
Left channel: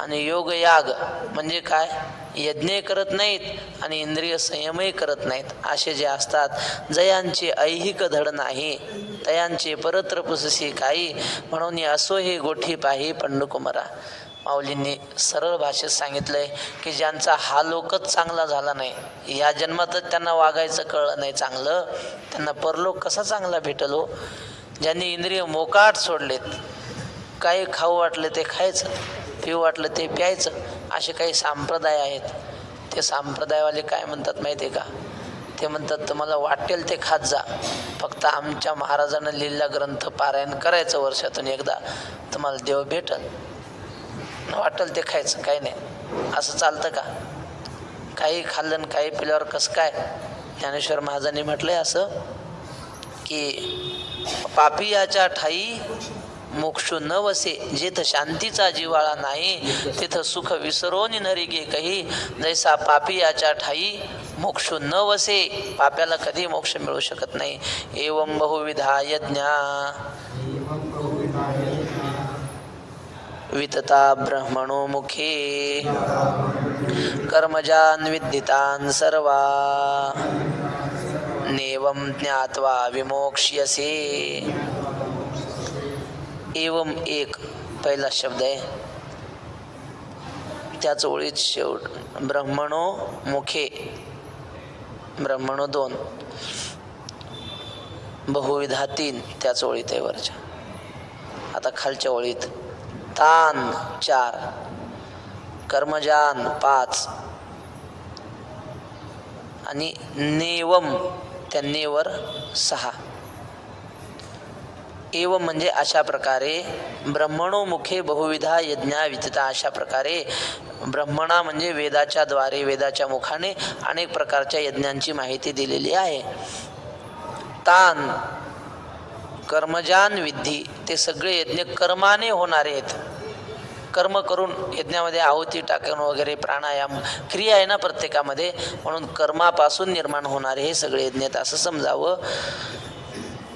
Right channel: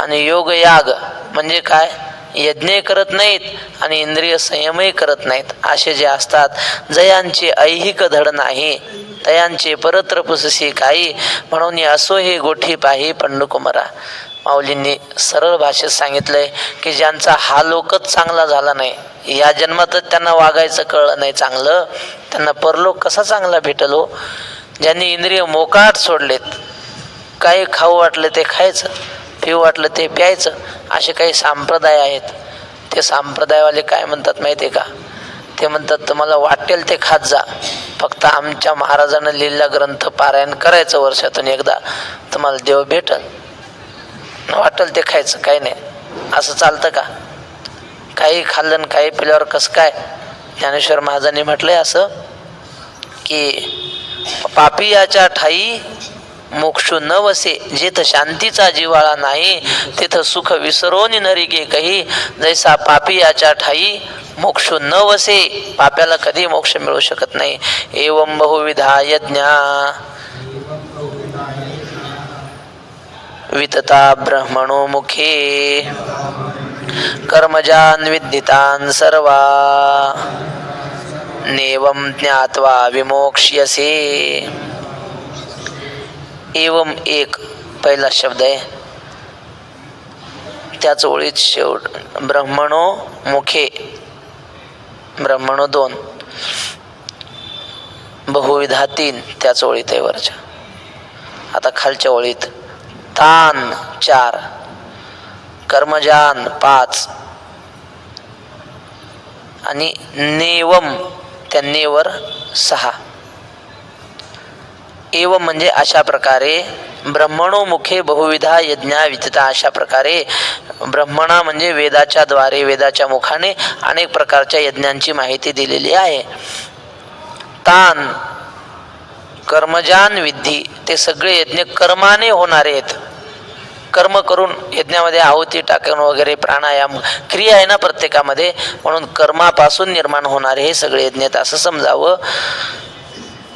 आणि योग याग म्हणजे काय, यज्ञ करत नाहीत आणि इंद्रिय संयमही करत नाहीत, असे जे असतात, जयांचे ऐहिक धड नाही तयांचे परत्र पुससी काही, म्हणून असो हे गोठी पाही पंडुकुमरा. माऊलींनी सरळ भाषेत सांगितलंय की ज्यांचा हा लोकच चांगला झाला नाही, या जन्मातच त्यांना वागायचं कळलं नाही चांगलं, त्यांना परलोक कसा चांगला भेटल हो. ज्यांनी इंद्रिय मोकाट सोडलेत, काही खाऊ वाटलं ते खायचं, पिऊ वाटलं ते प्यायचं, असे काही संप्रदाय आहेत. ते संप्रदायवाले काय म्हणतात माहिती आहे का? ते म्हणतात तुम्हाला वाटेल ते खात जा, फक्त आमच्या महाराजांना लिहिलेला ग्रंथ पारायण करायचं वर्षातून एकदा, तुम्हाला देव भेटल. वाटेल ते खायचं, काही नाही. असं चालतं का? काही खाल्लं काही पिल्यावर कसं काय? ज्ञानेश्वर महाराजांनी म्हटलंय असं की पापियाच्या ठाई मोक्षू न वसे, जेथ शांतीचा जिवाळा नाही तेथ सुख विसरोनी नरिगे कही, जैसा पापियाच्या ठाई मोक्ष न वसे, पाप्याला कधी मोक्ष मिळू शकत नाही. एवं बहुविधा यज्ञा वितता ब्रह्मणो मुखे, कर्मजान विद्धितान सर्वा, नेवं ज्ञात्वा विमोक्ष्यसे. एवं एक पहिला शब्द आहे, त्याच ओळीत शेवट ब्रह्मणो मुखे, ब्रह्मणो 2, बहुविधा 3 त्याच ओळीत आहे वरच्या. आता खालच्या ओळीत तान 4, कर्मजान 5 आणि नेवम त्या नेवर 6. एवं म्हणजे अशा प्रकारे ब्रह्मणो मुखे बहुविधा यज्ञा विदिता, अशा प्रकारे ब्रह्मणा म्हणजे वेदाच्या द्वारे, वेदाच्या मुखाने अनेक प्रकारच्या यज्ञांची माहिती दिलेली आहे. तान कर्मजान विद्धी, ते सगळे यज्ञ कर्माने होणारे आहेत. कर्म करून यज्ञामध्ये आहुती टाकून वगैरे, प्राणायाम क्रिया आहे ना प्रत्येकामध्ये, म्हणून कर्मापासून निर्माण होणारे हे सगळे यज्ञ आहेत असं समजावं.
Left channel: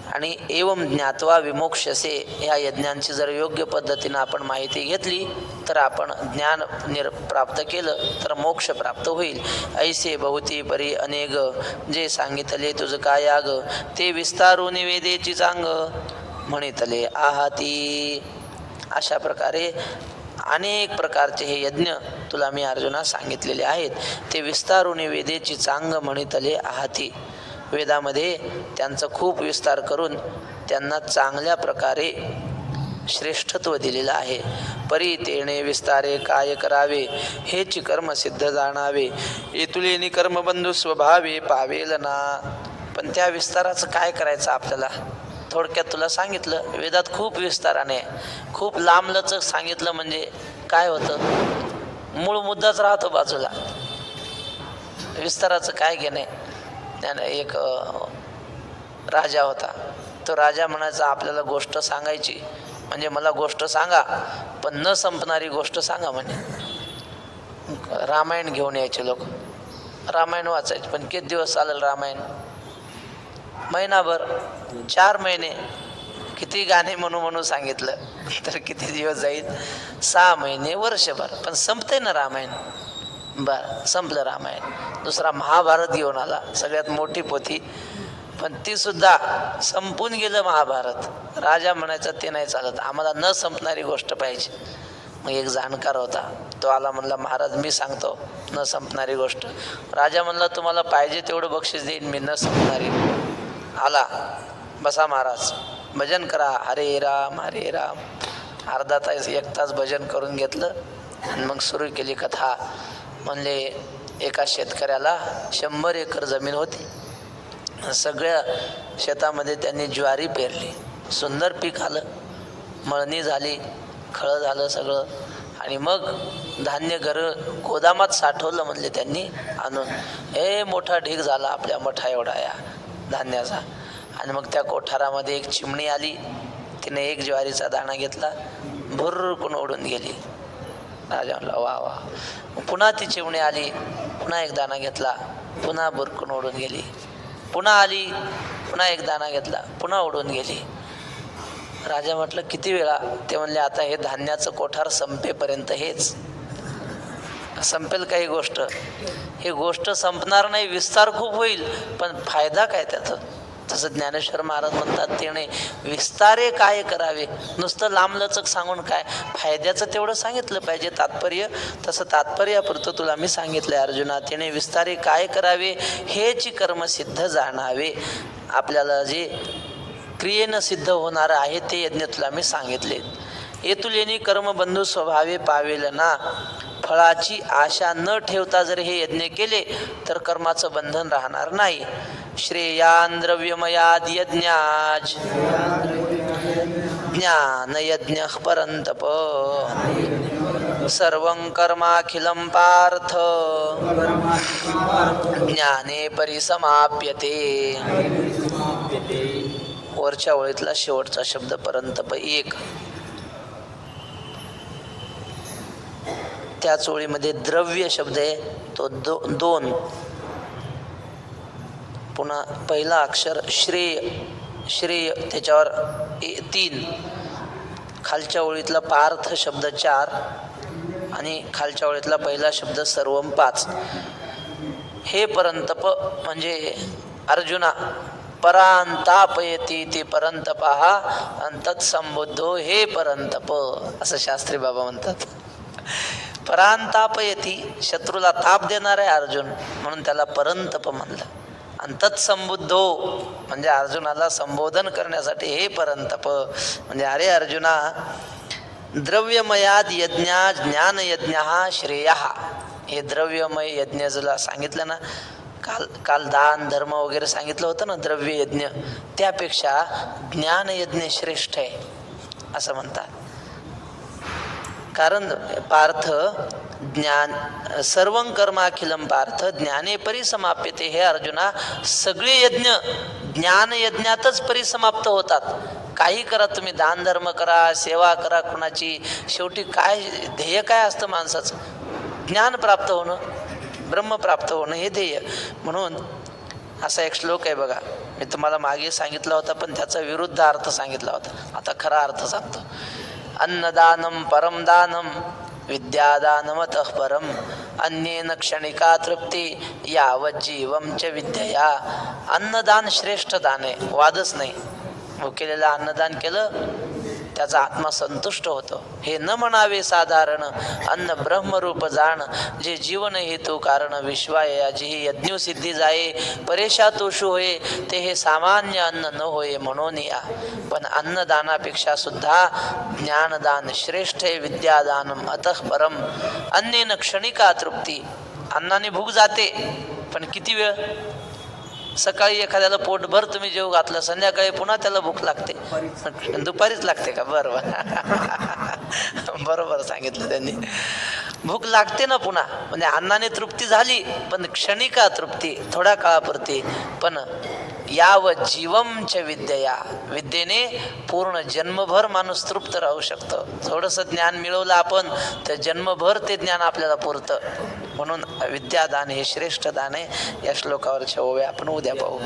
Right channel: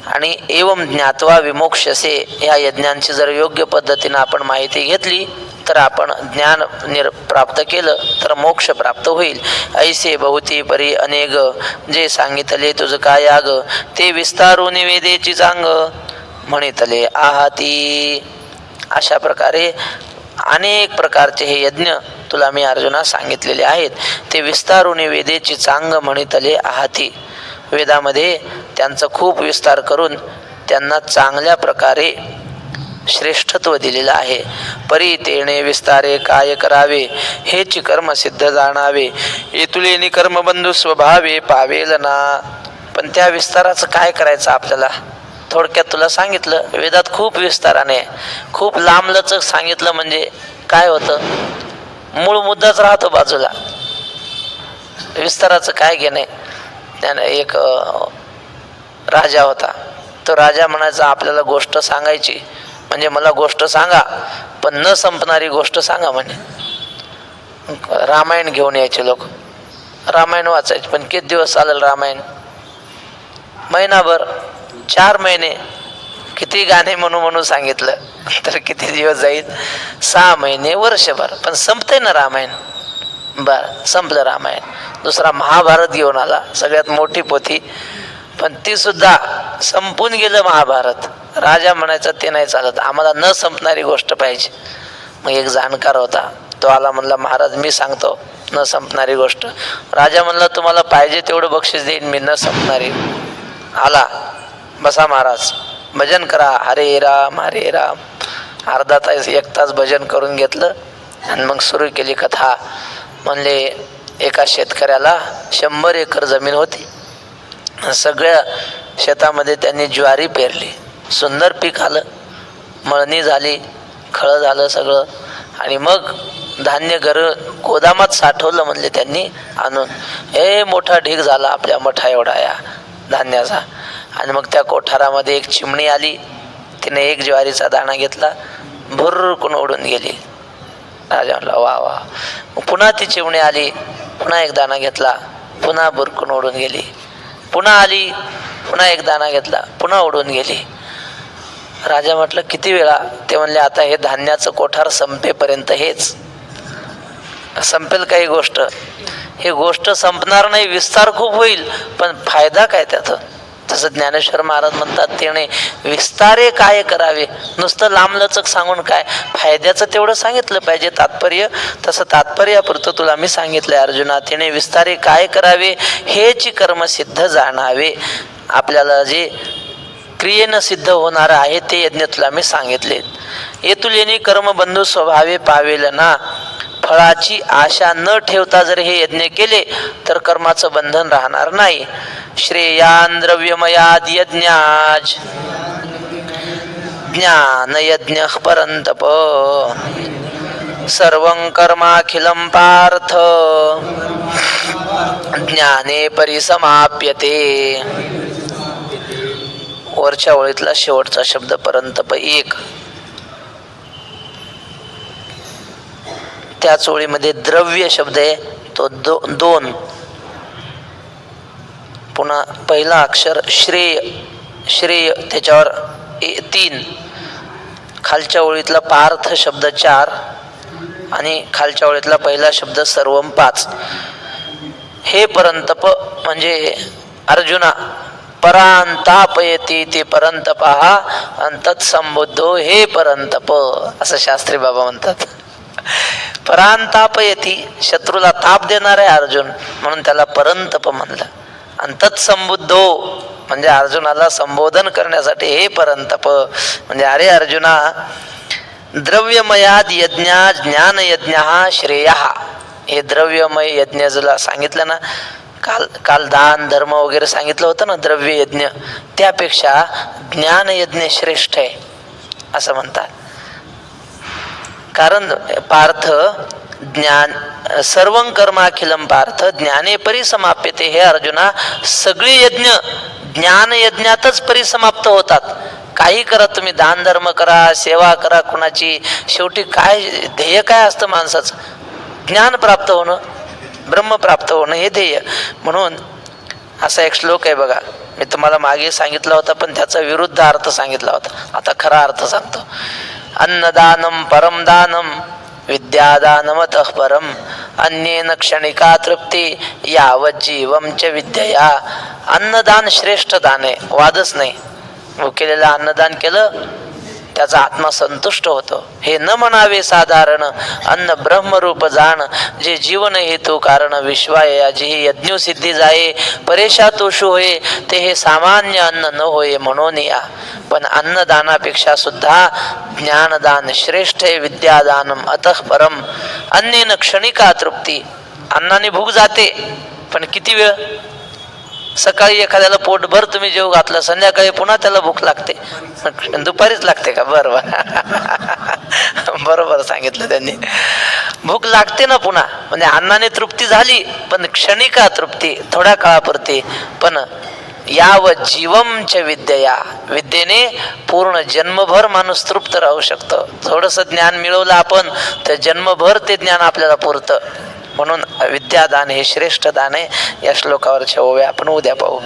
आणि एवं ज्ञात्वा विमोक्षसे, ह्या यज्ञांची जर योग्य पद्धतीनं आपण माहिती घेतली तर आपण ज्ञान प्राप्त केलं तर मोक्ष प्राप्त होईल. ऐसे बहुती परी अनेक, जे सांगितले तुझ काय याग, ते विस्तारून वेदेची चांग. म्हणितले आहाती. अशा प्रकारे अनेक प्रकारचे हे यज्ञ तुला मी अर्जुना सांगितलेले आहेत. ते विस्तारून वेदेची चांग म्हणितले आहाती. वेदामध्ये त्यांचा खूप विस्तार करून त्यांना चांगल्या प्रकारे श्रेष्ठत्व दिलेलं आहे. परी तेणे विस्तारे काय करावे, हेची कर्म सिद्ध जाणावे. येतुलेनी कर्मबंधू स्वभावे पावेल ना. पण त्या विस्ताराचं काय करायचं आपल्याला? थोडक्यात तुला सांगितलं. वेदात खूप विस्ताराने खूप लांबलचक सांगितलं म्हणजे काय होतं, मूळ मुद्दाच राहतो बाजूला. विस्ताराचं काय घेणे. त्यानं एक राजा होता. तो राजा म्हणायचा आपल्याला गोष्ट सांगायची म्हणजे मला गोष्ट सांगा पण न संपणारी गोष्ट सांगा म्हणे. रामायण घेऊन यायचे लोक, रामायण वाचायचे. पण किती दिवस चालेल रामायण? महिनाभर, 4 महिने. किती गाणे म्हणून सांगितलं तर किती दिवस जाईल? 6 महिने, वर्षभर. पण संपते ना रामायण. बर, संपलं रामायण. दुसरा महाभारत घेऊन आला, सगळ्यात मोठी पोथी. पण ती सुद्धा संपून गेलं महाभारत. राजा म्हणायचा ते नाही चालत, आम्हाला न संपणारी गोष्ट पाहिजे. मग एक जाणकार होता, तो आला, म्हणला महाराज मी सांगतो न संपणारी गोष्ट. राजा म्हणला तुम्हाला पाहिजे तेवढं बक्षीस देईन मी, न संपणारी. आला, बसा महाराज, भजन करा, हरे राम हरे राम. अर्धा तास 1 तास भजन करून घेतलं आणि मग सुरू केली कथा. म्हणले एका शेतकऱ्याला 100 एकर जमीन होती. सगळ्या शेतामध्ये त्यांनी ज्वारी पेरली, सुंदर पीक आलं, मळणी झाली, खळं झालं सगळं. आणि मग धान्य गोदामात साठवलं म्हणले त्यांनी आणून. मोठा ढीग झाला आपल्या मठा एवढा या धान्याचा. आणि मग त्या कोठारामध्ये एक चिमणी आली, तिने एक ज्वारीचा दाणा घेतला, भुर्रकून उडून गेली. राजा म्हणला वा वा. पुन्हा ती चिमणी आली, पुन्हा एक दाणा घेतला, पुन्हा भुरकून उडून गेली. पुन्हा आली, पुन्हा एक दाणा घेतला, पुन्हा उडून गेली. राजा म्हटलं किती वेळा? ते म्हणले आता हे धान्याचं कोठार संपेपर्यंत हेच संपेल काही गोष्ट. ही गोष्ट संपणार नाही, विस्तार खूप होईल पण फायदा काय त्याचा? तसं ज्ञानेश्वर महाराज म्हणतात तेने विस्तारे काय करावे. नुसतं लांबलचक सांगून काय फायद्याचं तेवढं सांगितलं पाहिजे तात्पर्य. तसं तात्पर्यापुरतं तुला मी सांगितलंय अर्जुना. तिने विस्तारे काय करावे, हेची कर्म सिद्ध जाणावे. आपल्याला जे क्रियेनं सिद्ध होणार आहे ते यज्ञ तुला मी सांगितले. येतुलेनी कर्मबंधू स्वभावे पावेल ना. फळाची आशा न ठेवता जर हे यज्ञ केले तर कर्माचं बंधन राहणार नाही. श्रेयान द्रव्यमयाद यज्ञाज ज्ञान यज्ञ परंतप सर्वं कर्माखिलं पार्थ ज्ञाने परिसमाप्यते. वरच्या ओळीतला शेवटचा शब्द परंतप 1. त्याच ओळीमध्ये द्रव्य शब्द आहे तो 2. पुन्हा पहिला अक्षर श्रेय, श्रेय त्याच्यावर 3. खालच्या ओळीतला पार्थ शब्द 4 आणि खालच्या ओळीतला पहिला शब्द सर्वम 5. हे परंतप म्हणजे अर्जुना परांतापयती ते परंतपहा अंतत्संबुद्धो हे परंतप असं शास्त्री बाबा म्हणतात. परांतापयती शत्रूला ताप देणार आहे अर्जुन म्हणून त्याला परंतप म्हणलं. आणि तत्संबुद्धो म्हणजे अर्जुनाला संबोधन करण्यासाठी हे परंतप म्हणजे अरे अर्जुना द्रव्यमयाद यज्ञा ज्ञान यज्ञ श्रेय. हे द्रव्यमय यज्ञ जरा सांगितलं ना, काल दान धर्म वगैरे सांगितलं होतं ना द्रव्य यज्ञ, त्यापेक्षा ज्ञान यज्ञ श्रेष्ठ आहे असं म्हणतात. कारण पार्थ ज्ञान सर्वं कर्माखिलं पार्थ ज्ञाने परिसमाप्यते. हे अर्जुना सगळे यज्ञ ज्ञान यज्ञातच परिसमाप्त होतात. काही करा तुम्ही, दान धर्म करा, सेवा करा कुणाची, शेवटी काय ध्येय काय असतं माणसाचं? ज्ञान प्राप्त होणं, ब्रह्म प्राप्त होणं हे ध्येय. म्हणून असा एक श्लोक आहे बघा, मी तुम्हाला मागे सांगितला होता पण त्याचा विरुद्ध अर्थ सांगितला होता, आता खरा अर्थ सांगतो. अन्नदानम परम दानम विद्यादानमतः परम अन्येन क्षणिका तृप्ती यावत जीवम च विद्यया. अन्नदान श्रेष्ठ दान आहे, वादच नाही. भुकेलेलं अन्नदान केलं त्याचा आत्मा संतुष्ट होतो. हे न म्हणावे साधारण अन्न ब्रह्मरूप जाण, जे जीवन हेतू कारण विश्वाय याची यज्ञ सिद्धी जाये. परेशा तोषू होये ते हे सामान्य अन्न न होय म्हणून या. पण अन्नदानापेक्षा सुद्धा ज्ञानदान श्रेष्ठ आहे. विद्यादानम अतः परम. अन्नेन क्षणिका तृप्ती. अन्नाने भूक जाते पण किती वेळ? सकाळी एखाद्याला पोटभर तुम्ही जेव घातलं, संध्याकाळी पुन्हा त्याला भूक लागते. दुपारीच लागते का? बरोबर बरोबर सांगितलं त्यांनी. भूक लागते ना पुन्हा. म्हणजे अन्नाने तृप्ती झाली पण क्षणिका तृप्ती, थोड्या काळापुरती. पण याव जीवमच्या विद्या, विद्येने पूर्ण जन्मभर माणूस तृप्त राहू शकतो. थोडंसं ज्ञान मिळवलं आपण तर जन्मभर ते ज्ञान आपल्याला पुरतं. म्हणून विद्यादान हे श्रेष्ठ दान आहे. या श्लोकावरच्या ओव्या आपण उद्या पाहू.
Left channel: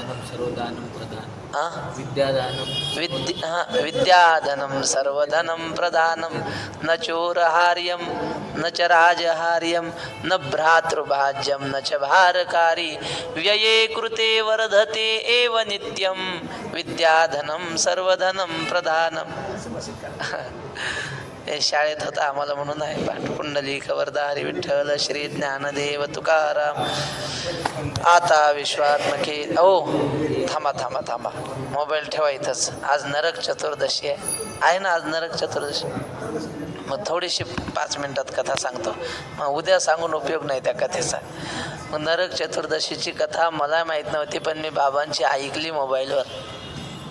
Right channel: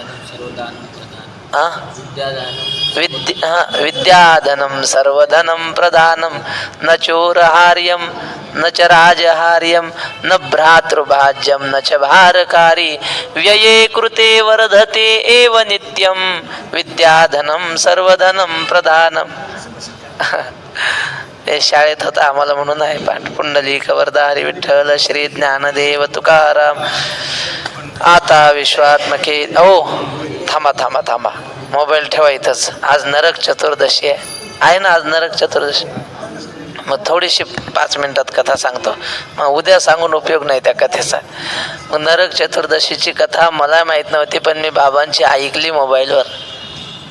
विद्याधनम सर्वधनम प्रधानम न चोरहार्यम न च राजहार्यम न भ्रातृभाज्यम न च भारकारी व्यये कृते वर्धते एव नित्यम विद्याधनम सर्वधनम प्रधानम. हे शाळेत होता आम्हाला म्हणून आहे पाठ. पुंडलिक वरदा हरी विठ्ठल श्री ज्ञानदेव तुकाराम. आता विश्वात्मके. ओ थांबा थांबा थांबा, मोबाईल ठेवा इथंच. आज नरक चतुर्दशी आहे ना. आज नरक चतुर्दशी. मग थोडीशी 5 मिनिटात कथा सांगतो. मग उद्या सांगून उपयोग नाही त्या कथेचा. मग नरक चतुर्दशीची कथा मला माहीत नव्हती पण मी बाबांची ऐकली मोबाईलवर.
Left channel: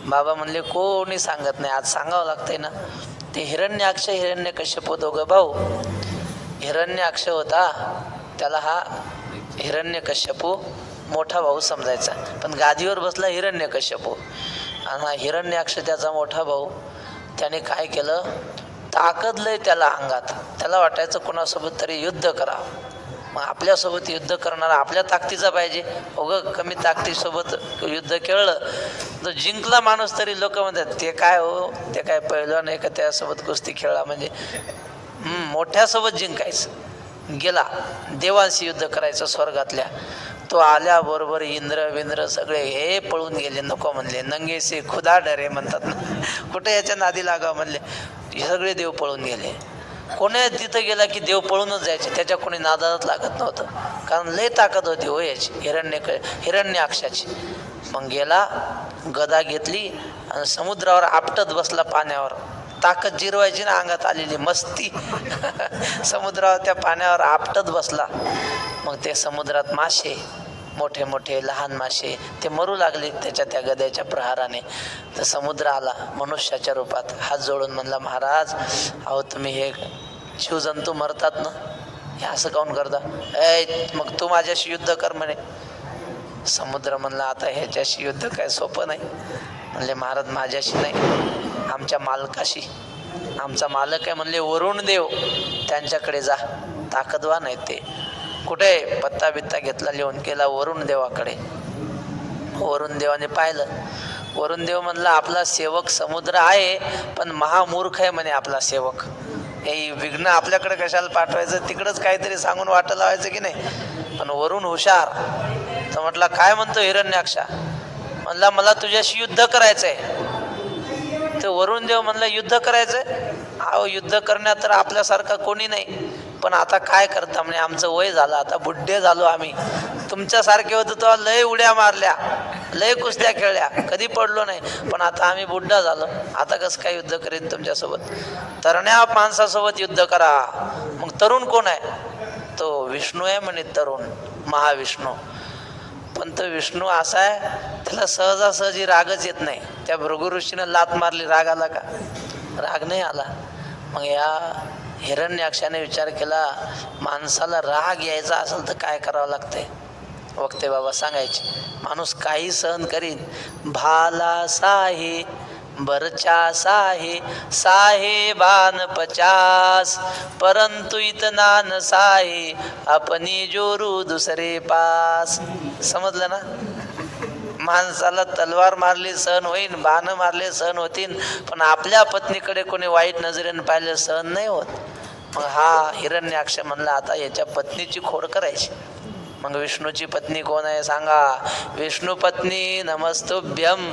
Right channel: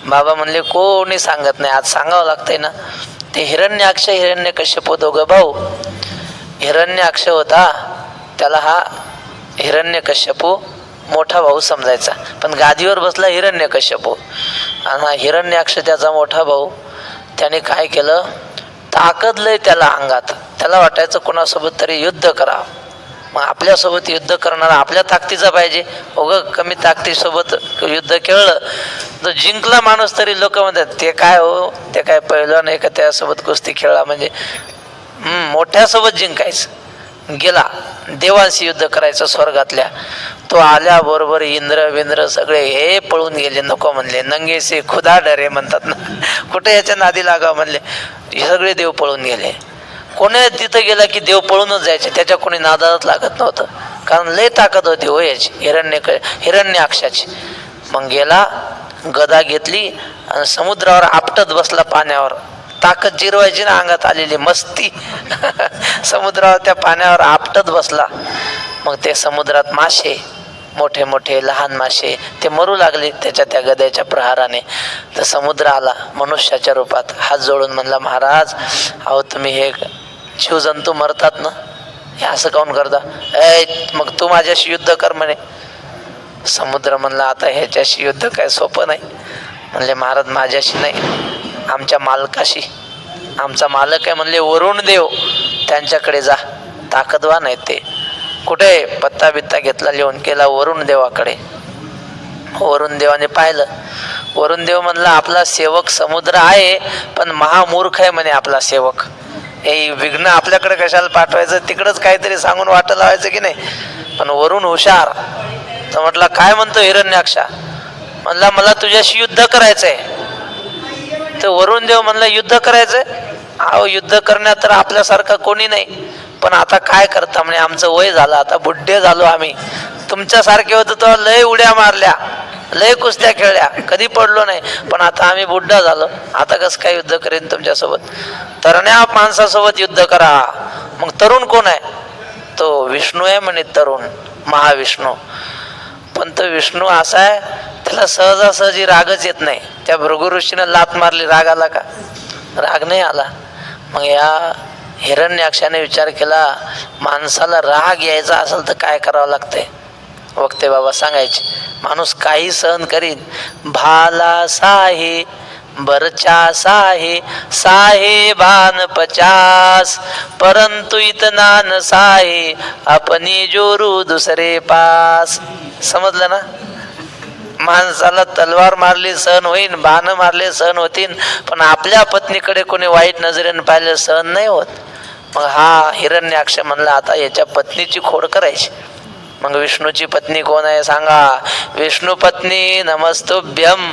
बाबा म्हणले कोणी सांगत नाही, आज सांगावं लागतंय ना. ते हिरण्याक्ष हिरण्यकश्यप दोघं भाऊ. हिरण्याक्ष होता त्याला हा हिरण्यकश्यपू मोठा भाऊ समजायचा, पण गादीवर बसला हिरण्यकश्यपू. आणि हा हिरण्याक्ष त्याचा मोठा भाऊ. त्याने काय केलं, ताकद लय त्याला अंगात. त्याला वाटायचं कोणासोबत तरी युद्ध करा. मग आपल्यासोबत युद्ध करणारा आपल्या ताकदीचा पाहिजे. उगं कमी ताकदीसोबत युद्ध खेळलं तर जिंकला माणूस तरी लोक म्हणतात ते काय हो, ते काय पहिलं नाही का त्यासोबत कुस्ती खेळला म्हणजे. मोठ्यासोबत जिंकायचं. गेला देवांशी युद्ध करायचं स्वर्गातल्या. तो आल्याबरोबर इंद्र विंद्र सगळे हे पळून गेले, नको म्हणले. नंगेसे खुदा डरे म्हणतात ना, कुठे याच्या नादी लागावं म्हणले. हे सगळे देव पळून गेले. कोणी तिथं गेला की देव पळूनच जायचे, त्याच्या कोणी नादात लागत नव्हतं. कारण लय ताकद होती हो याची हिरण्याक्षाची. मग गेला, गदा घेतली आणि समुद्रावर आपटत बसला पाण्यावर. ताकद जिरवायची ना अंगात आलेली मस्ती. समुद्रावर त्या पाण्यावर आपटत बसला. मग ते समुद्रात मासे, मोठे मोठे लहान मासे ते मरू लागले त्याच्या त्या गद्याच्या प्रहाराने. तर समुद्र आला मनुष्याच्या रूपात, हात जोडून म्हणला, महाराज अहो तुम्ही हे जीवजंतू मरतात ना, हे असं काऊन करता? मग तू माझ्याशी युद्ध कर म्हणे. समुद्र म्हणला आता ह्याच्याशी युद्ध काय सोपं नाही. म्हणले महाराज माझ्याशी नाही, आमच्या मालकाशी. आमचा मालक आहे म्हणले वरुण देव, त्यांच्याकडे जा, ताकदवान आहेत ते. कुठे पत्ता बित्ता घेतला, लिहून केला वरुण देवाकडे. वरुण देवाने पाहिलं. वरुण देव म्हणला आपला सेवक समुद्र आहे पण महामूर्ख आहे म्हणे आपला सेवक. हे विघ्न आपल्याकडे कशाला पाठवायचं, तिकडंच काहीतरी सांगून वाट लावायचं की नाही. पण वरुण हुशार. तर म्हटला काय म्हणतो हिरण्याक्षा? म्हणला मला तुझ्याशी युद्ध करायचंय. तर वरुण देव म्हणला युद्ध करायचंय? अहो युद्ध करण्यात तर आपल्यासारखा कोणी नाही, पण आता काय करता म्हणे, आमचं वय झालं, आता बुड्ढे झालो आम्ही. तुमच्यासारखे होतो तो लय उड्या मारल्या, लय कुस्त्या खेळल्या, कधी पडलो नाही, पण आता आम्ही बुड्ढा झालो, आता कसं काय युद्ध करेन तुमच्यासोबत? तरण्या माणसासोबत युद्ध करा. मग तरुण कोण आहे? तो विष्णू आहे म्हणे, तरुण महाविष्णू. पण तो विष्णू असा आहे त्याला सहजासहजी रागच येत नाही. त्या भृगु ऋषीनं लात मारली, राग आला का? राग नाही आला. मग या हिरण्याक्षाने विचार केला माणसाला राग यायचा असेल तर काय करावं लागतंय. वक्ते बाबा सांगायचे माणूस काही सहन करीन. भाला साहे बरचा साहे साहे भान 50 परंतु इतना न साहे अपनी जोरू दुसरे पास. समजलं ना? माणसाला तलवार मारली सहन होईन, बाण मारले सहन होतीन, पण आपल्या पत्नीकडे कोणी वाईट नजरेने पाहिलं सहन नाही होत. मग हा हिरण्याक्ष म्हणला आता याच्या पत्नीची खोड करायची. मग विष्णूची पत्नी कोण आहे सांगा? विष्णू पत्नी नमस्तुभ्यम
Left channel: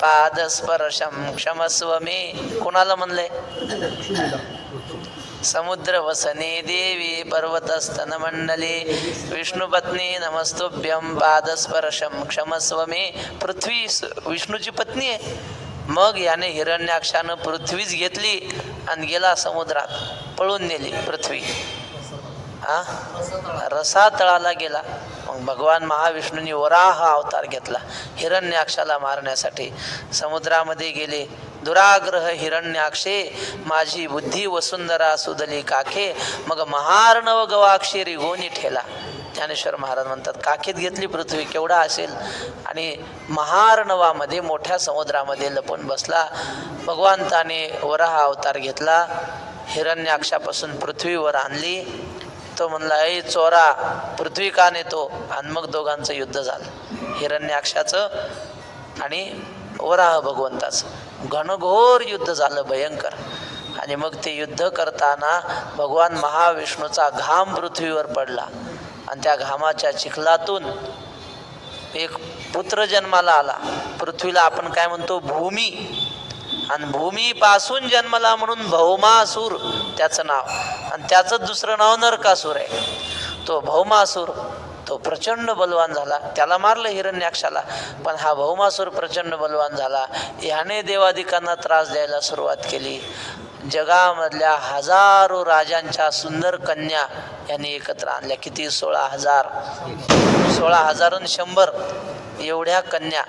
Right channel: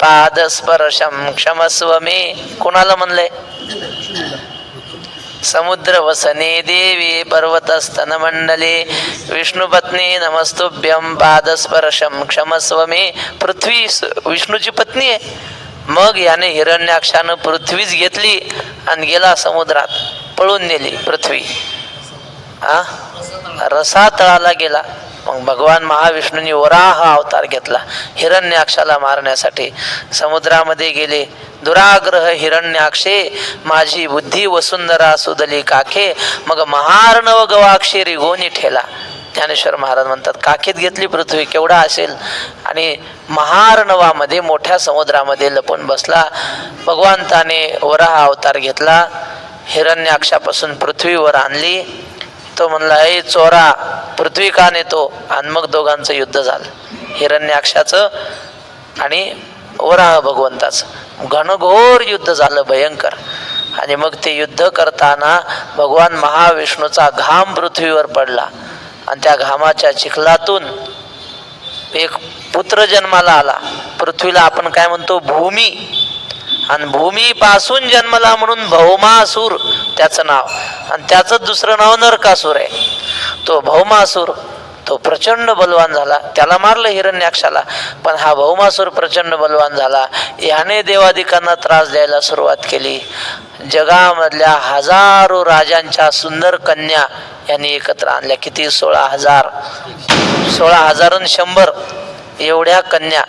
पादस्पर्शम क्षमस्व मे. कोणाला म्हणलंय? समुद्र वसने देवी पर्वतस्तन मंडले विष्णुपत्नी नमस्तुभ्यम पादस्पर्शम क्षमस्व मे. पृथ्वी विष्णूची पत्नी आहे. मग याने हिरण्याक्षानं पृथ्वीच घेतली आणि गेला समुद्रात, पळून नेली पृथ्वी. रसातळाला गेला. मग भगवान महाविष्णूंनी वराह अवतार घेतला हिरण्याक्षाला मारण्यासाठी. समुद्रामध्ये गेले. दुराग्रह हिरण्याक्षे माझी बुद्धी वसुंधरा सुदली काखे. मग महार्णव गवाक्षी रिगोनी ठेला. ज्ञानेश्वर महाराज म्हणतात काखेत घेतली पृथ्वी, केवढा असेल, आणि महार्णवामध्ये मोठ्या समुद्रामध्ये लपून बसला. भगवंताने वराह अवतार घेतला, हिरण्याक्षापासून पृथ्वीवर आणली. तो म्हणला ए चोरा, पृथ्वी का नेतो? आणि मग दोघांचं युद्ध झालं, हिरण्याक्षाचं आणि वराह भगवंताचं. घनघोर युद्ध झालं, भयंकर. आणि मग ते युद्ध करताना भगवान महाविष्णूचा घाम पृथ्वीवर पडला आणि त्या घामाच्या चिखलातून एक पुत्र जन्माला आला. पृथ्वीला आपण काय म्हणतो? भूमी. आणि भूमीपासून जन्मला म्हणून भौमासूर त्याचं नाव, आणि त्याचं दुसरं नाव नरकासूर आहे. तो भौमासूर तो प्रचंड बलवान झाला. त्याला मारलं हिरण्याक्षाला, पण हा भौमासूर प्रचंड बलवान झाला. याने देवादिकांना त्रास द्यायला सुरुवात केली. जगामधल्या हजारो राजांच्या सुंदर कन्या यांनी एकत्र आणल्या. किती? 16,000. 16,000 आणि 100 एवढ्या कन्या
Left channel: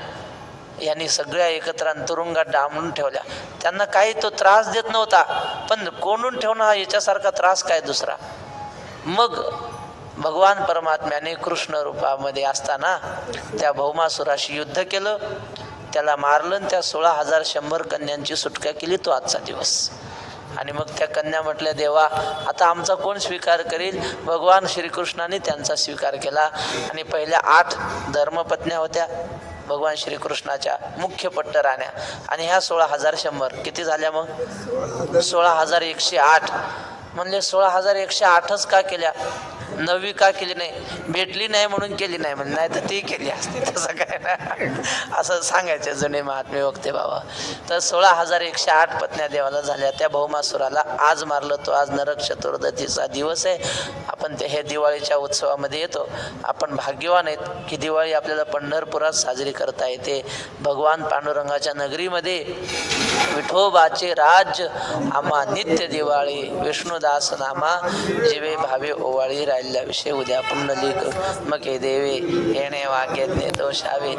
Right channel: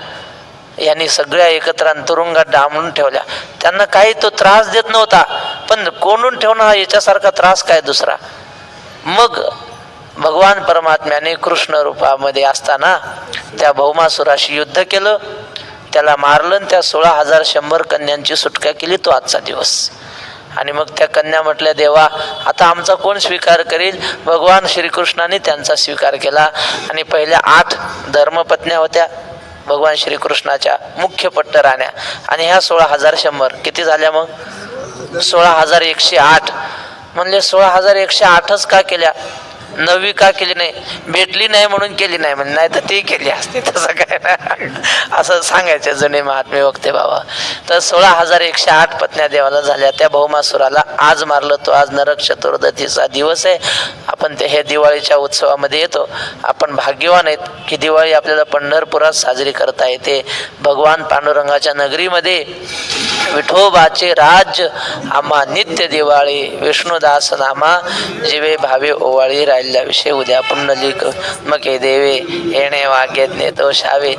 यांनी सगळ्या एकत्र तुरुंगात डांबून ठेवल्या. त्यांना काही तो त्रास देत नव्हता, पण कोंडून ठेवणं हा याच्यासारखा त्रास काय दुसरा. मग भगवान परमात्म्याने कृष्ण रूपामध्ये असताना त्या भौमासुराशी युद्ध केलं, त्याला मारलं, त्या 16,100 कन्यांची सुटका केली. तो आजचा दिवस. आणि मग त्या कन्या म्हटल्या देवा आता आमचा कोण स्वीकार करेल? भगवान श्रीकृष्णाने त्यांचा स्वीकार केला. आणि पहिल्या 8 धर्मपत्न्या होत्या भगवान श्रीकृष्णाच्या, मुख्य पट्टराण्या. आणि ह्या 16,100 किती झाल्या? मग 16,108. म्हणले 16,108च का केल्या? 9वी का केली नाही? भेटली नाही म्हणून केली नाही म्हणजे, नाही तर ती केली असते. तसं काय ना, असं सांगायचे जुने महात्मे वक्ते बाबा. तर 16,108 पत्न्या देवाला झाल्या. त्या भौमासुराला आज मारलं. तो आज नरक चतुर्दशीचा दिवस आहे. आपण हे दिवाळीच्या उत्सवामध्ये येतो. आपण भाग्यवान आहेत की दिवाळी आपल्याला पंढरपुरात साजरी करता येते. भगवान पांडुरंगाच्या नगरीमध्ये विठोबाचे राज्य आम्हा नित्य दिवाळी. विष्णुदास नामा जीवे भावे ओवाळी. राहिल्याविषयी उद्या पुंडलिक मके देवे येणे वाग्यज्ञ दोषावे.